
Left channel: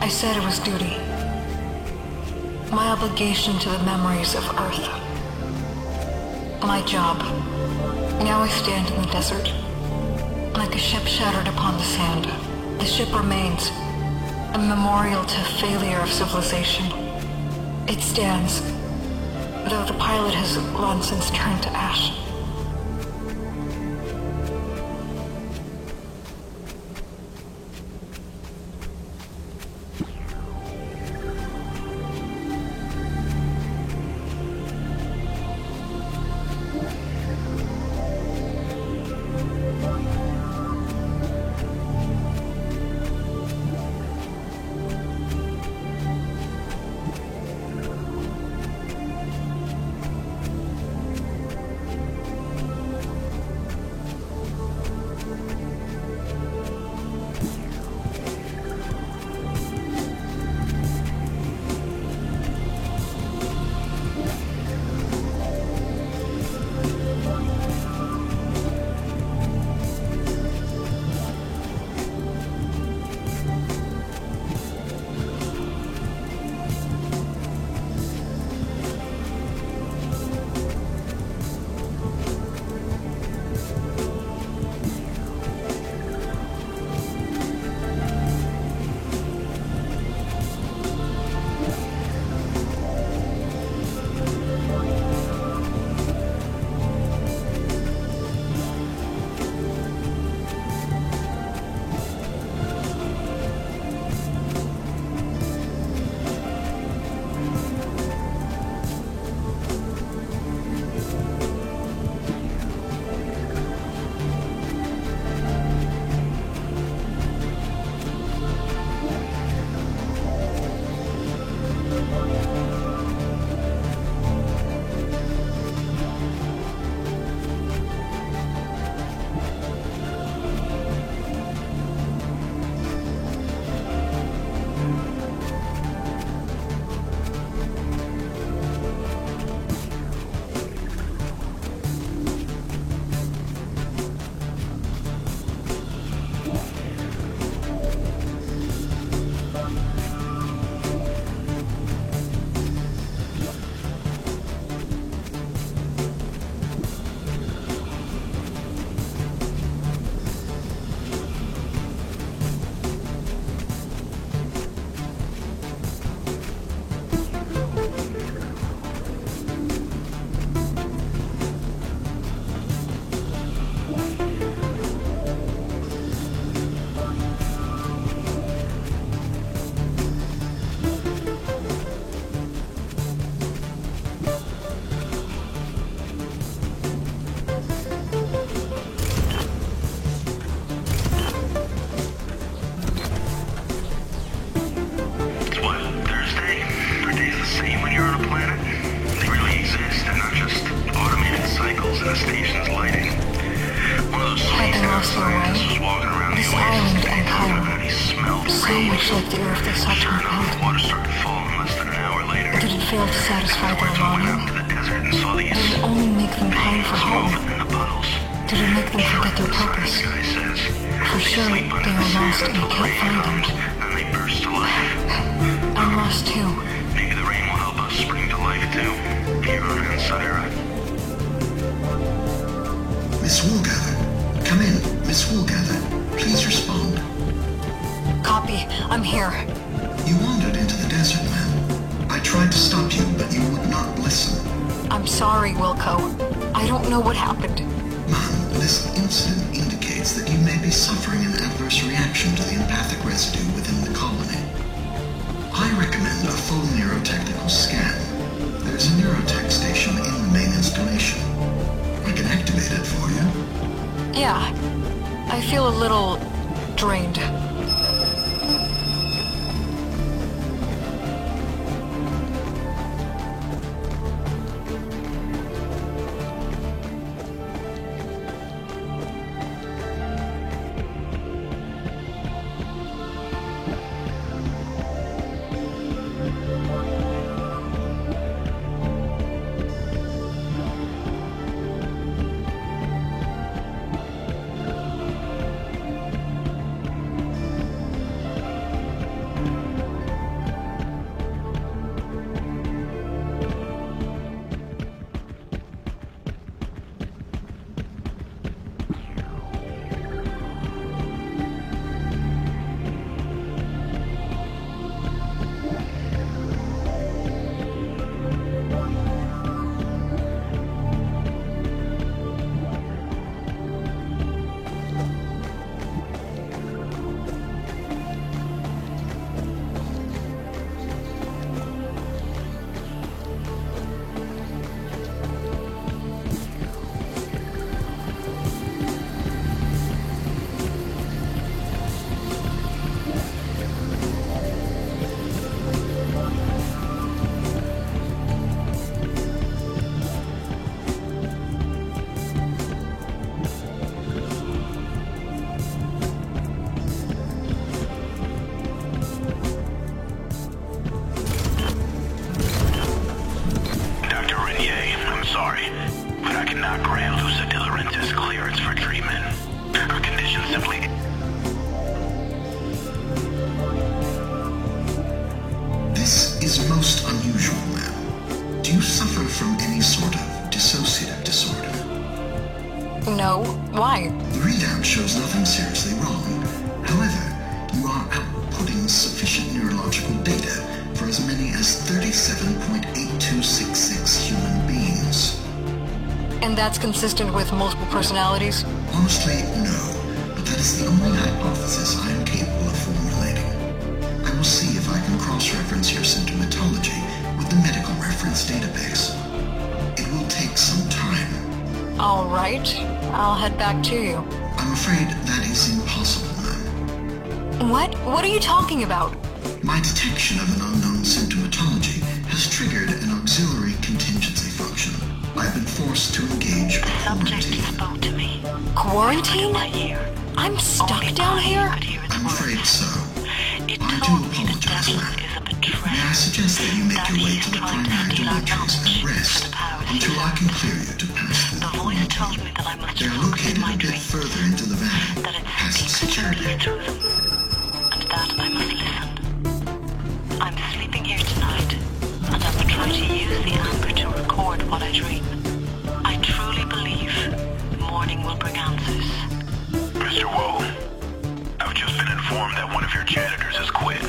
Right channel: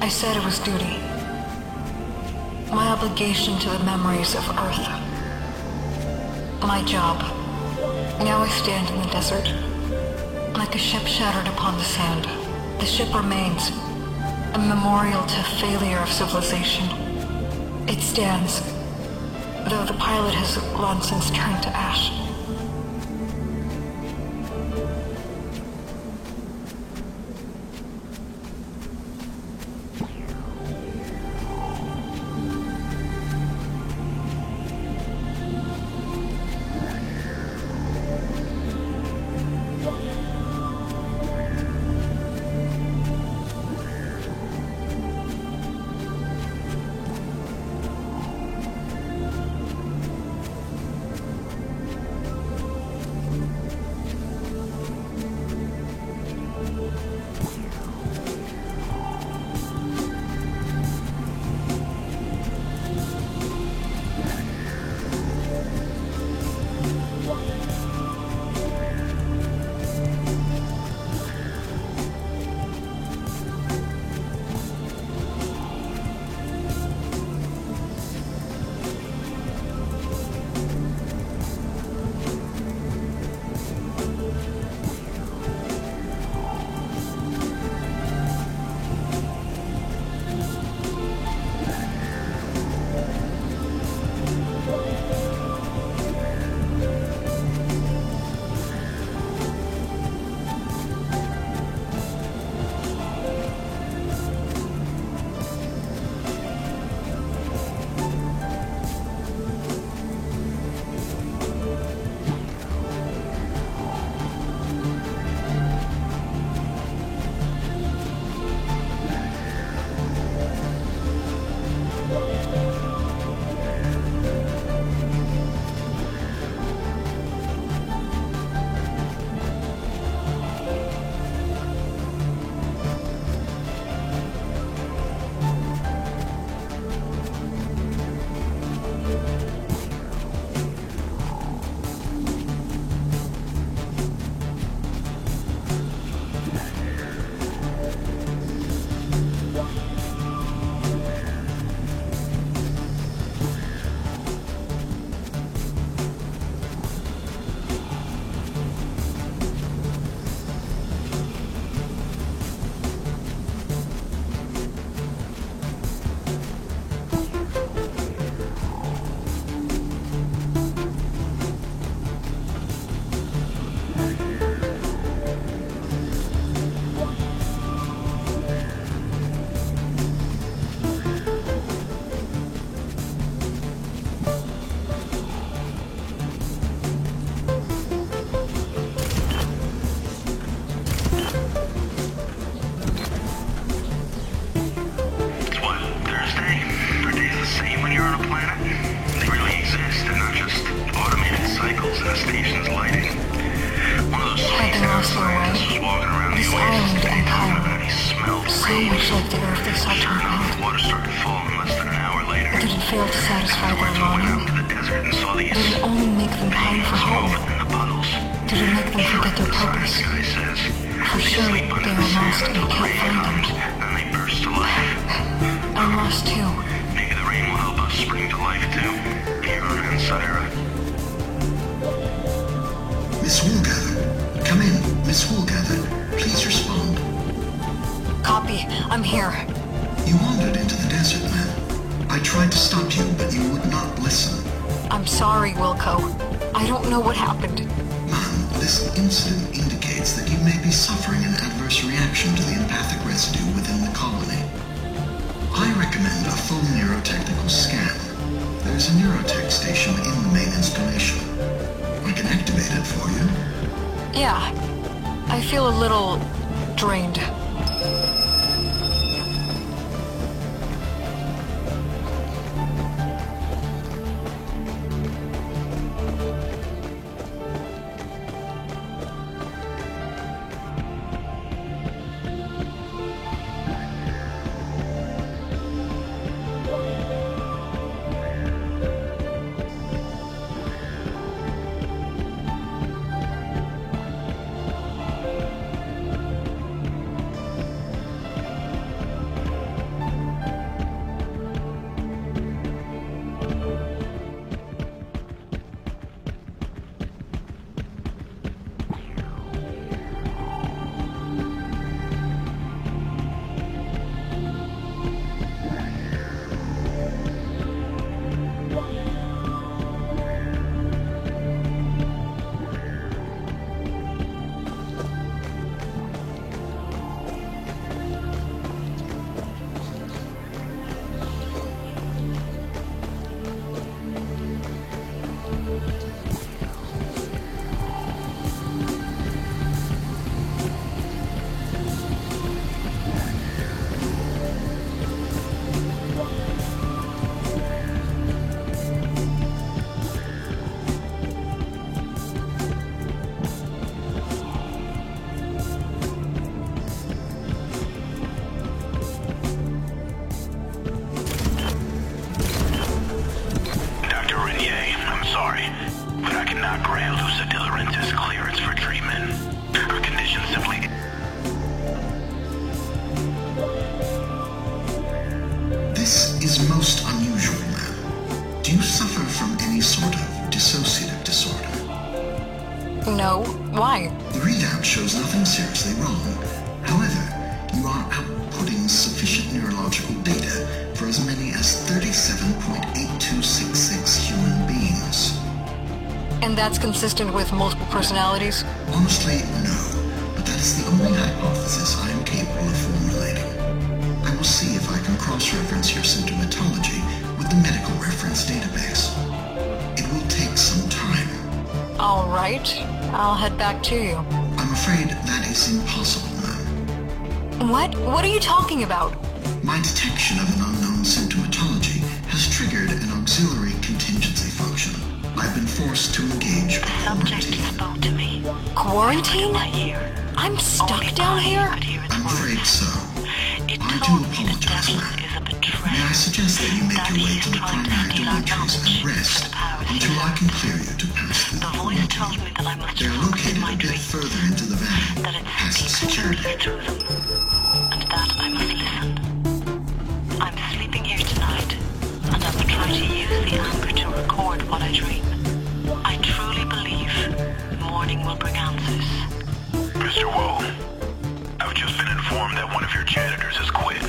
I said it was duty. My obligation to the memories of Earth. My job. Now I stand in the desert, like a ship shattered upon the sand. The ship remains, a memorial to failure of civilization. It stands, though the pilot has long since turned to ash. So much like the Earth they sought to rebuild. Water started falling less than an hour later. Did it fail to satisfy their Went longing? out to the desert and saw these Did it only make them pine for home? in the puddles. Did it make them forget their purpose? Guy says, For sure, they are lost and can't find them. then they burst to life. I'm lost too. Maybe the rain will help us spring to life too. Fiona and Syra. Miss Woolgather, come in. Miss Woolgather, please respond. Copy. I'm here. You wandered into the desert, ma'am. I tried to stop you, but you would not listen. I'm sorry, Wilco. I don't know what happened. Ma'am, this incident indicates that you may be suffering an adverse reaction to the empathic residue within the colony. I recommend a full neurotechnical scan. There's a neurotech station in the main installation. I can activate it for you. Yeah. I feel a little drained. is most unusual, ma'am. Do you suffer from any sort of dissociative disorder? No. Why? The readout shows nothing seriously wrong. However, you are outputting sufficient neurological data for as many as 37.8266 human beings. And that's consistent with multiple personalities? Honestly, no. But that is the only hypothesis I am capable of formulating. I will see if I can cross-reference your symptomatology with the medical reference database. It will take some time. All right. I'll head back to you. I'm afraid that is impossible, ma'am. What? What are you talking about? My detection of an unknown symptomatology has triggered an auxiliary contingency function. I've been forced to engage a Subject quarantine. spoke to me. Quarantine? My ear. I'm stuck Only down I here? could hear its I'm afraid words. so. It I do told me the apologize, devil ma'am. is a betrayer. May I suggest that you make That your he way is to the trying to primary steal our dormitories and knowledge rest for the powers he until I has. can clear you to pass through The the voice told quarantine. me that I must They are focus located my a bit dreams, further into the valley, that it past speaks security. gently through them, and that I must listen. I'm sleeping here tonight, and I will try to use the amber to record what I dream. I truly believe morning will bring answers. Mr. Woe, I've just been informed that one of your janitors has quit.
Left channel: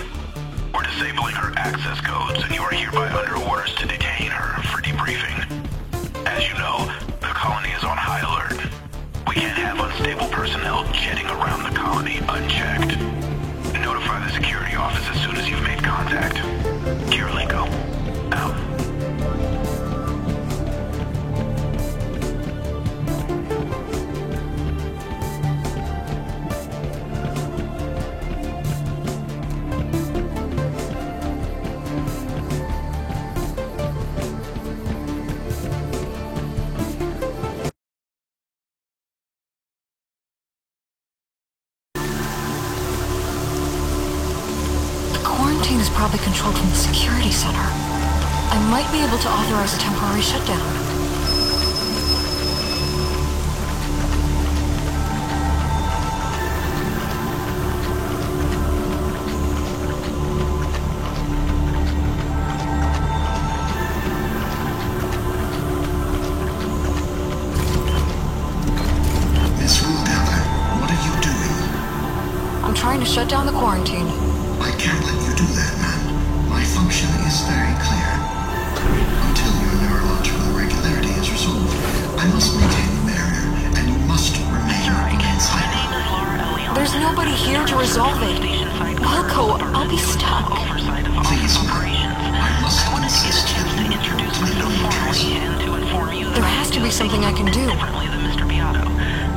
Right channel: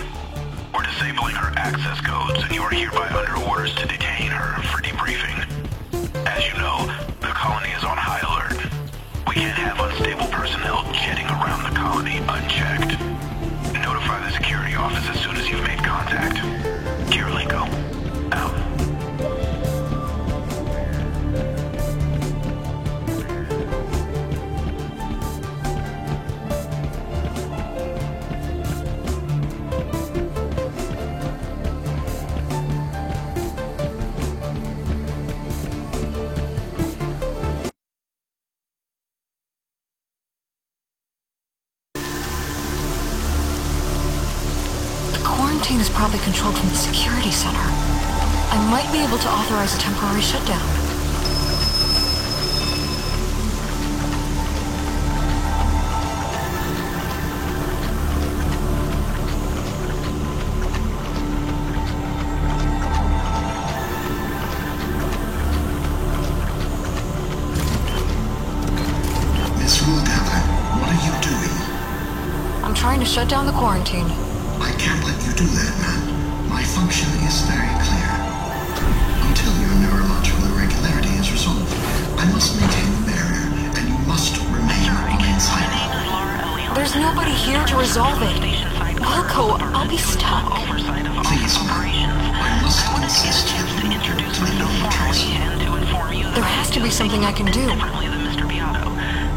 We're disabling her access codes, and you are hereby under orders to detain her for debriefing. As you know, the colony is on high alert. We can't have unstable personnel jetting around the colony unchecked. Notify the security office as soon as you've made contact. Kirilenko, out. quarantine is probably controlled from the security center. I might be able to authorize a temporary shutdown. Miss Rulegather, what are you doing? I'm trying to shut down the quarantine. I can't let you do that, man. My function is very clear. Until your neurological irregularity is resolved, I must maintain the barrier, and you must remain on inside. My name is Laura Elion. There's nobody here to resolve it. Wilco, I'll be stuck. Please, ma'am. I must insist that you report to the military. There has to be something I can do.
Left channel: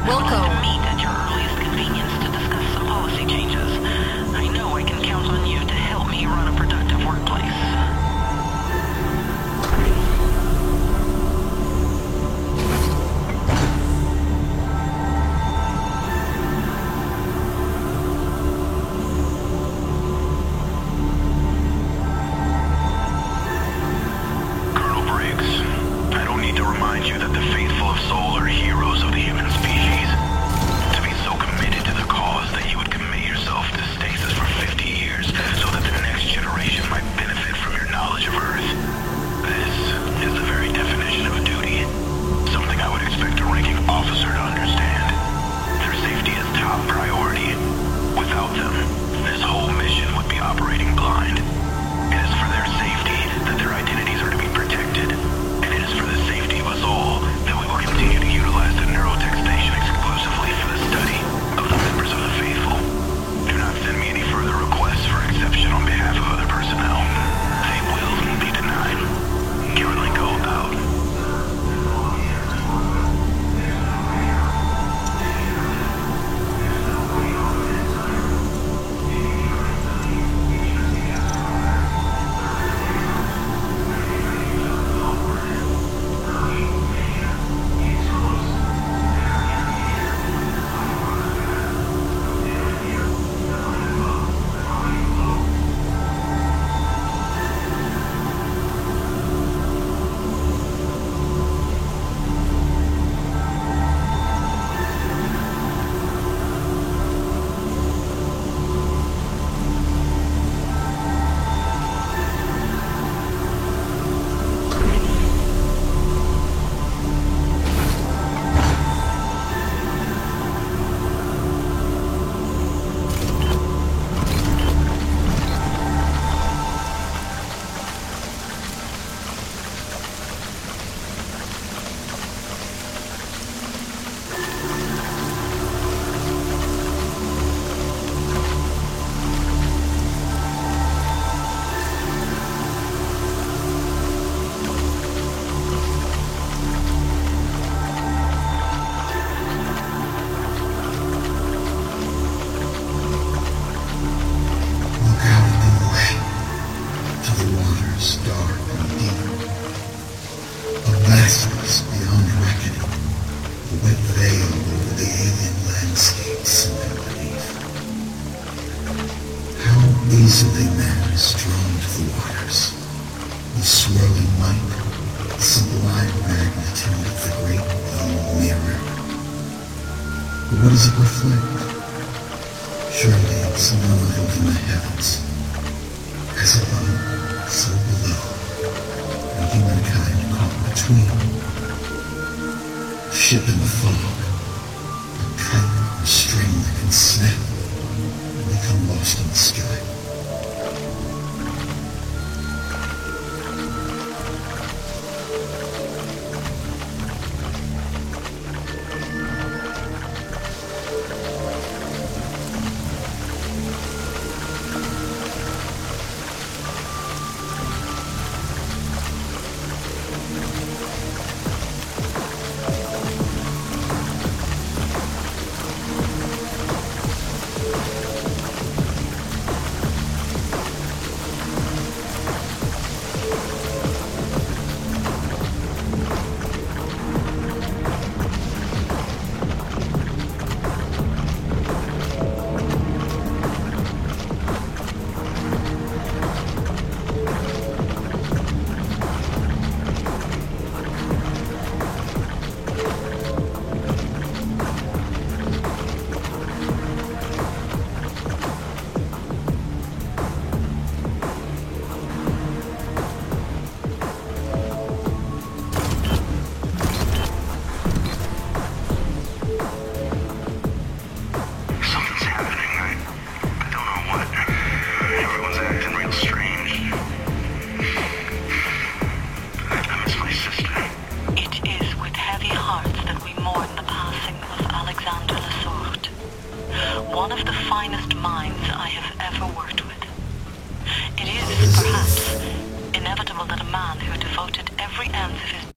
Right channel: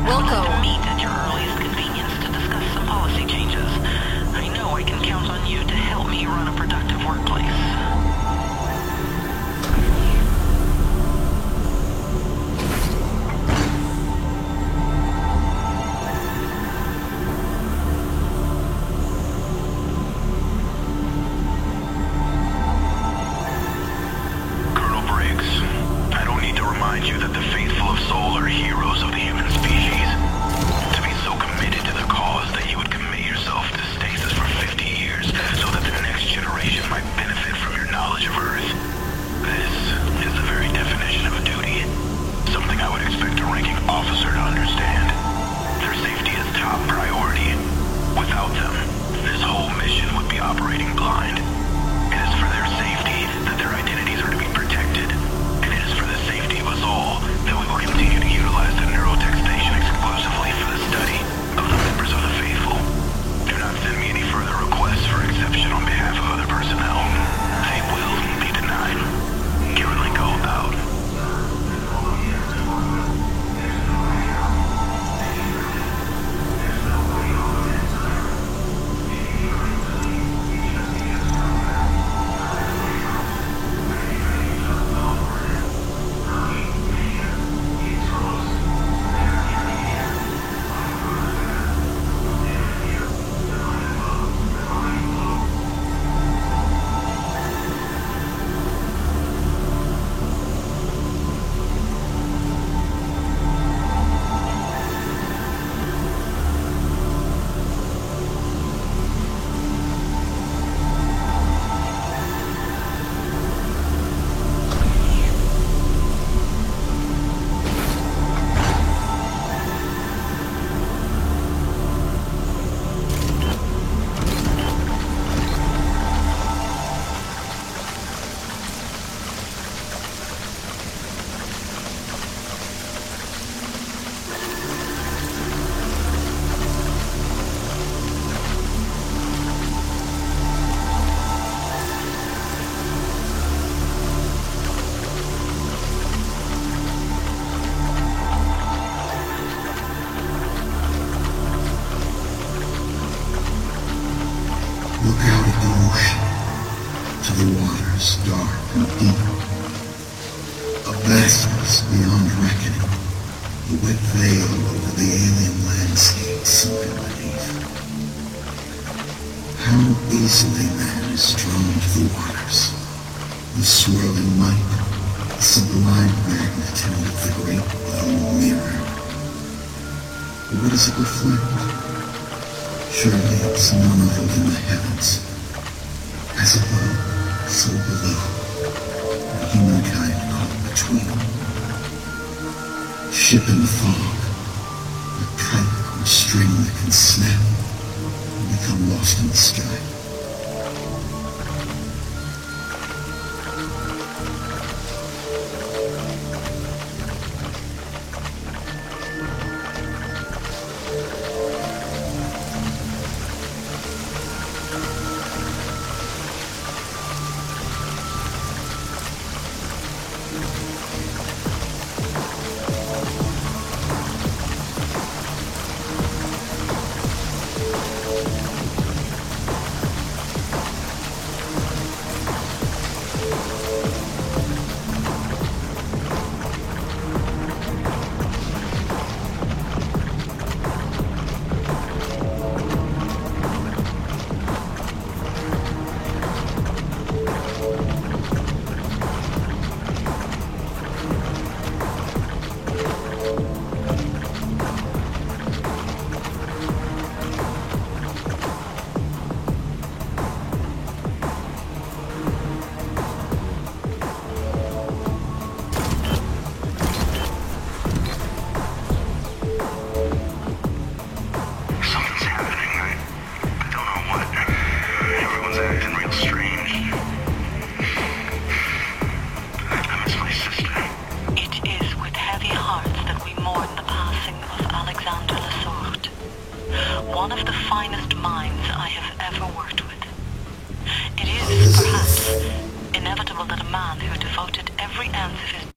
Wilco. Meet at your earliest convenience to discuss some policy changes. I know I can count on you to help me run a productive workplace. Colonel Briggs, I don't need to remind you that the faithful of Sol are heroes of the human species. To be so committed to the cause that you would commit yourself to stasis for 50 years so that the next generation might benefit from your knowledge of Earth. This is the very definition of a duty. Something I would expect a ranking officer to understand. Their safety is top priority. Without them, this whole mission would be operating blind. It is for their safety that their identities are to be protected. And it is for the safety of us all that we will continue to utilize the Neurotech station exclusively for the study of the members of the faithful. Do not send me any further requests for exception on behalf of other personnel. They will be denied. Kirilenko out. Look out at the ocean, to the waters dark and deep. A vastness beyond reckoning, a wet veil over the alien landscape sunken beneath. How easily man is drawn to the waters, the swirling might, the sublime magnitude of the great blue mirror. What does it reflect? Surely it's none other than the heavens. As above, so below, and humankind caught between. Ship in the fog, a kite or string that can snap, and become lost in the sky. one of the finest minds I have ever worked with. It is, perhaps, inevitable that a man who devoted every ounce of his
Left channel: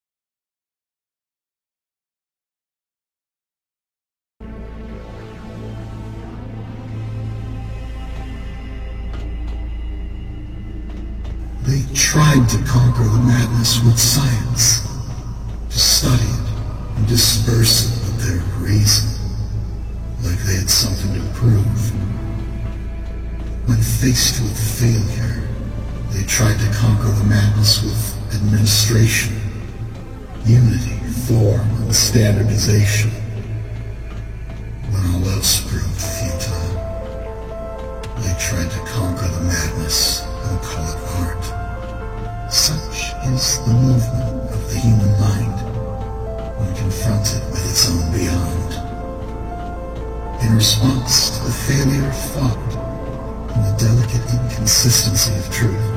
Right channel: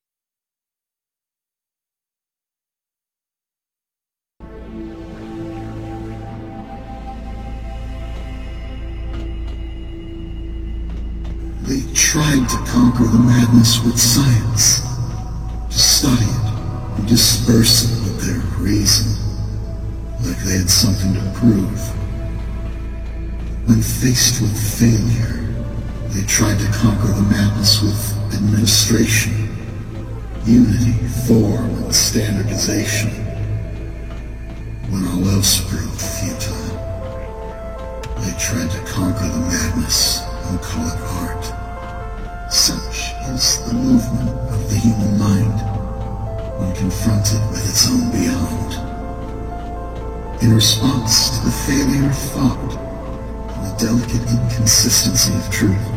They tried to conquer the madness with science, to study it and disperse it with their reason, like they had something to prove. When faced with failure, they tried to conquer the madness with administration, unity, form, and standardization. When all else proved futile, they tried to conquer the madness and call it art. Such is the movement of the human mind when confronted with its own beyond. In response to the failure of thought and the delicate inconsistency of truth,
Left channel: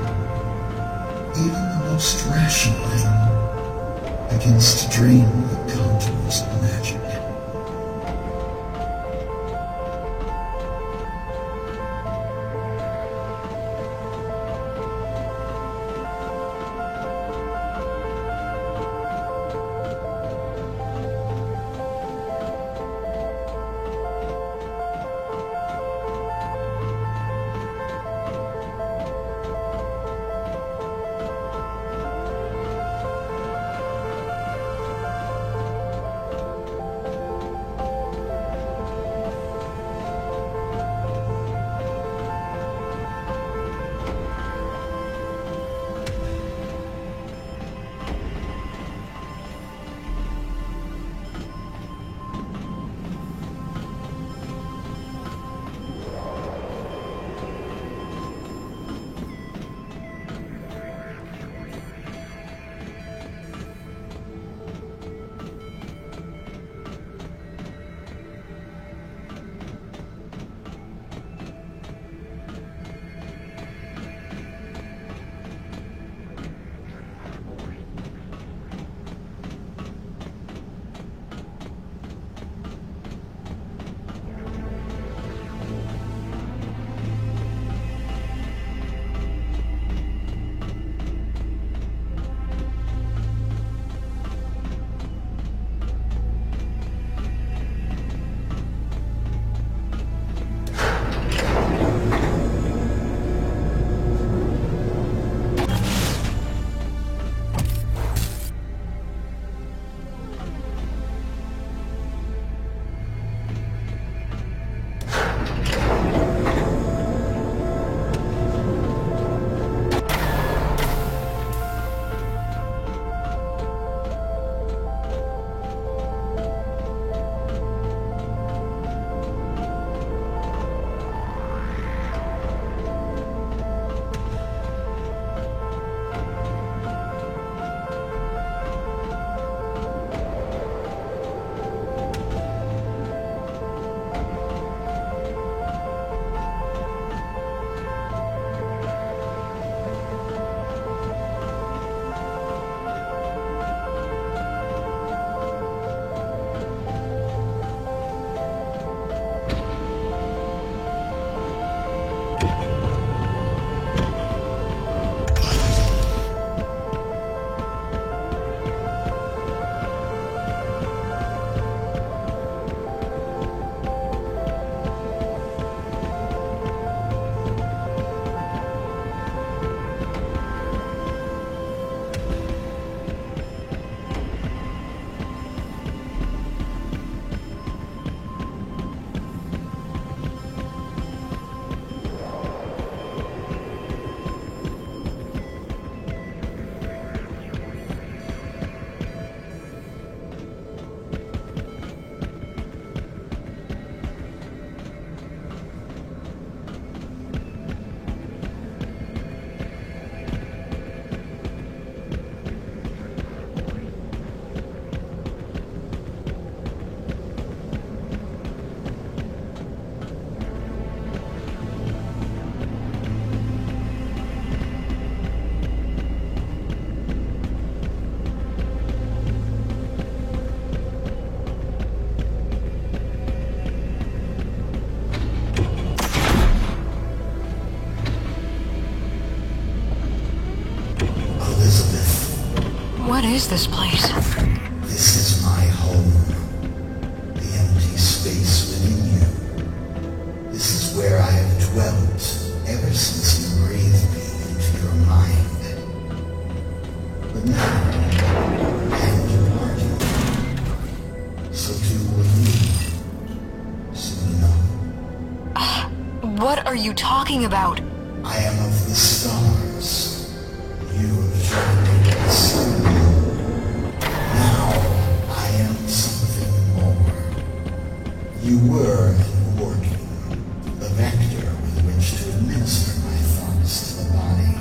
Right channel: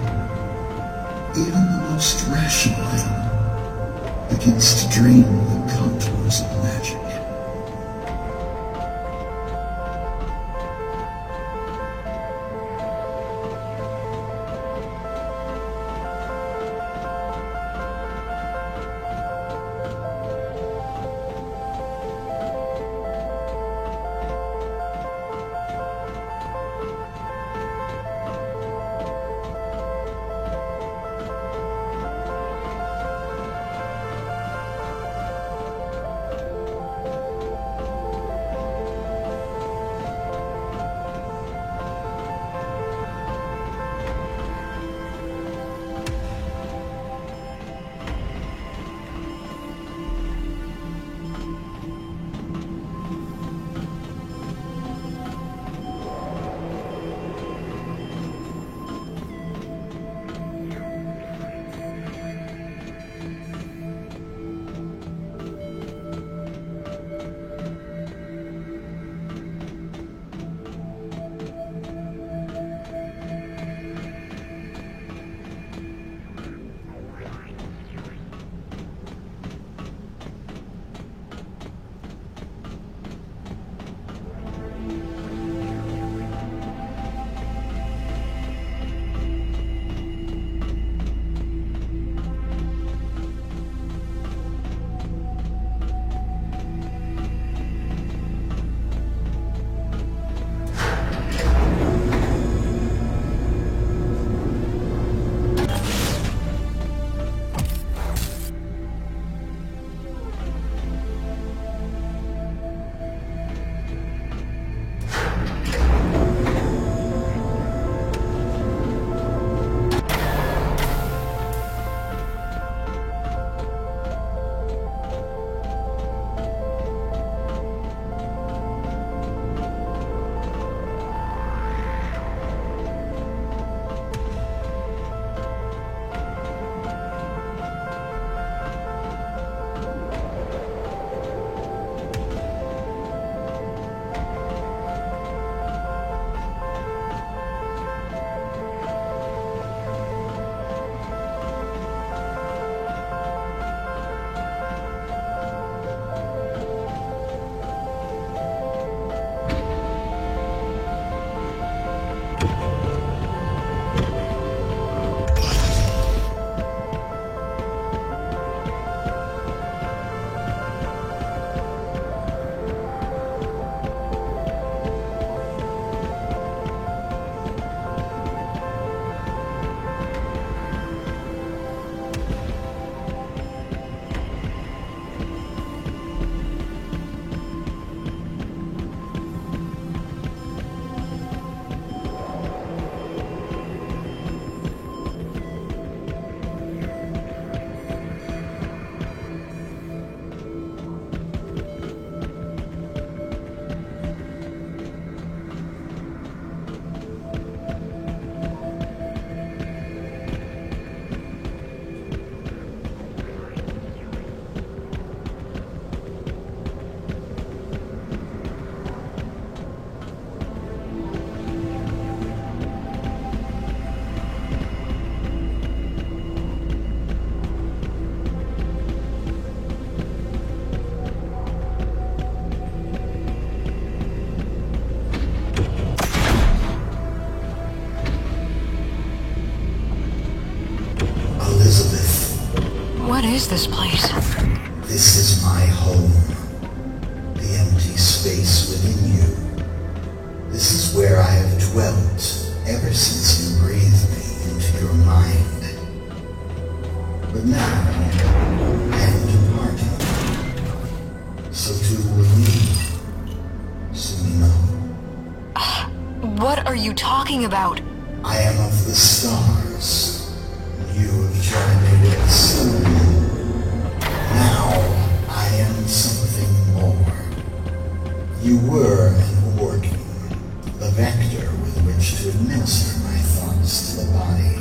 even the most rational mind begins to dream of the contours of magic. is this place? This is my home. The empty space within you. This is where I have dwelt ever since you breathed me into your mind. But now, I am departing. So too will you. Soon enough. What are you talking about? I am of the stars. You have joined me with the sun. Now, I am something more. You were an organ, the vector with which to administer my thoughts to the body.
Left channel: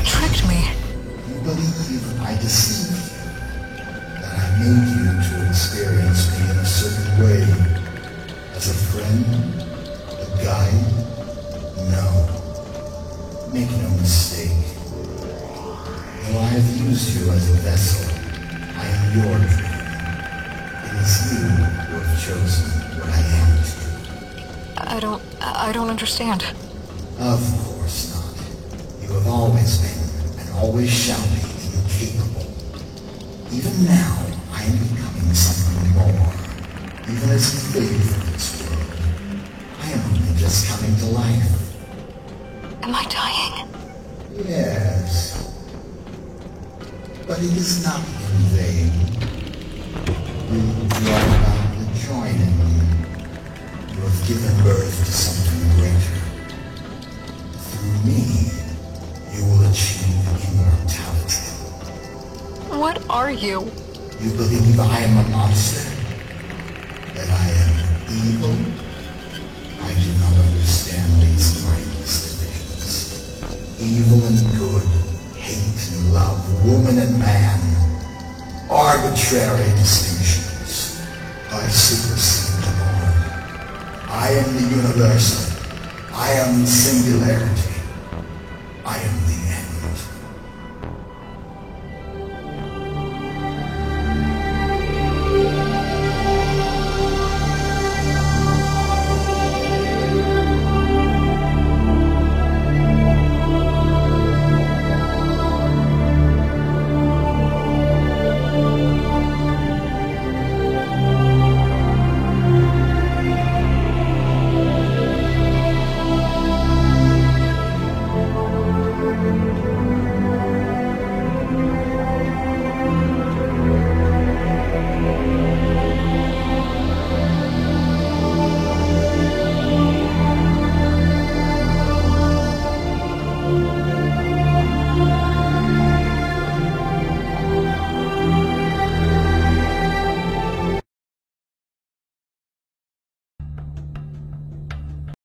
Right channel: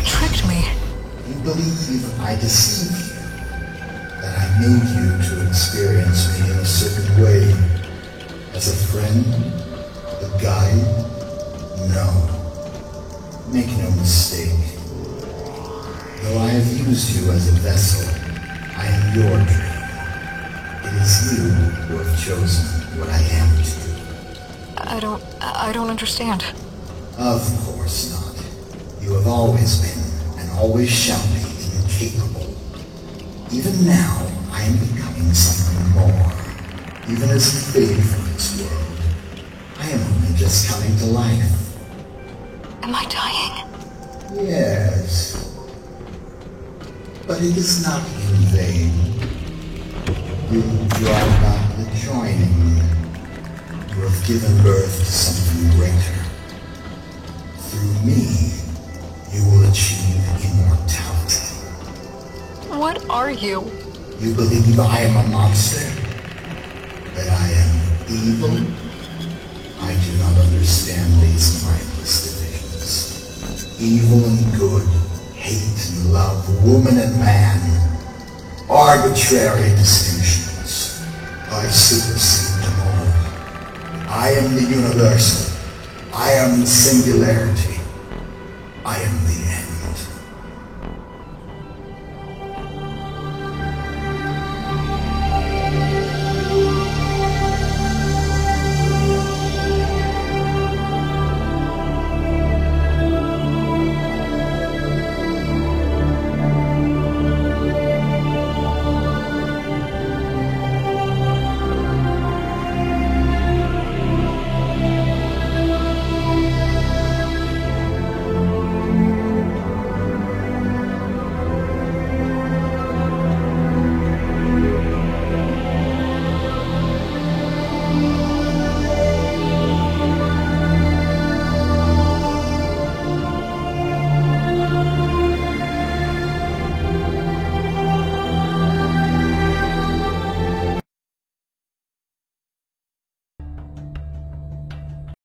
You tricked me. You believe I deceived you? That I made you to experience me in a certain way? As a friend? A guide? No. Make no mistake. Though I have used you as a vessel, I am your dream. It is you who have chosen what I am to you. I don't understand. Of course not. You have always been, and always shall be, incapable. Even now, I am becoming something more. Even as a fade from this world, I am only just coming to life. Am I dying? Yes. But it is not in vain. You brought about the joining. You have given birth to something greater. Through me, you will achieve immortality. What are you? You believe I am a monster? That I am evil? I do not understand these mindless divisions. Evil and good, hate and love, woman and man. Arbitrary distinctions. I supersede them all. I am the universal. I am the singularity. I am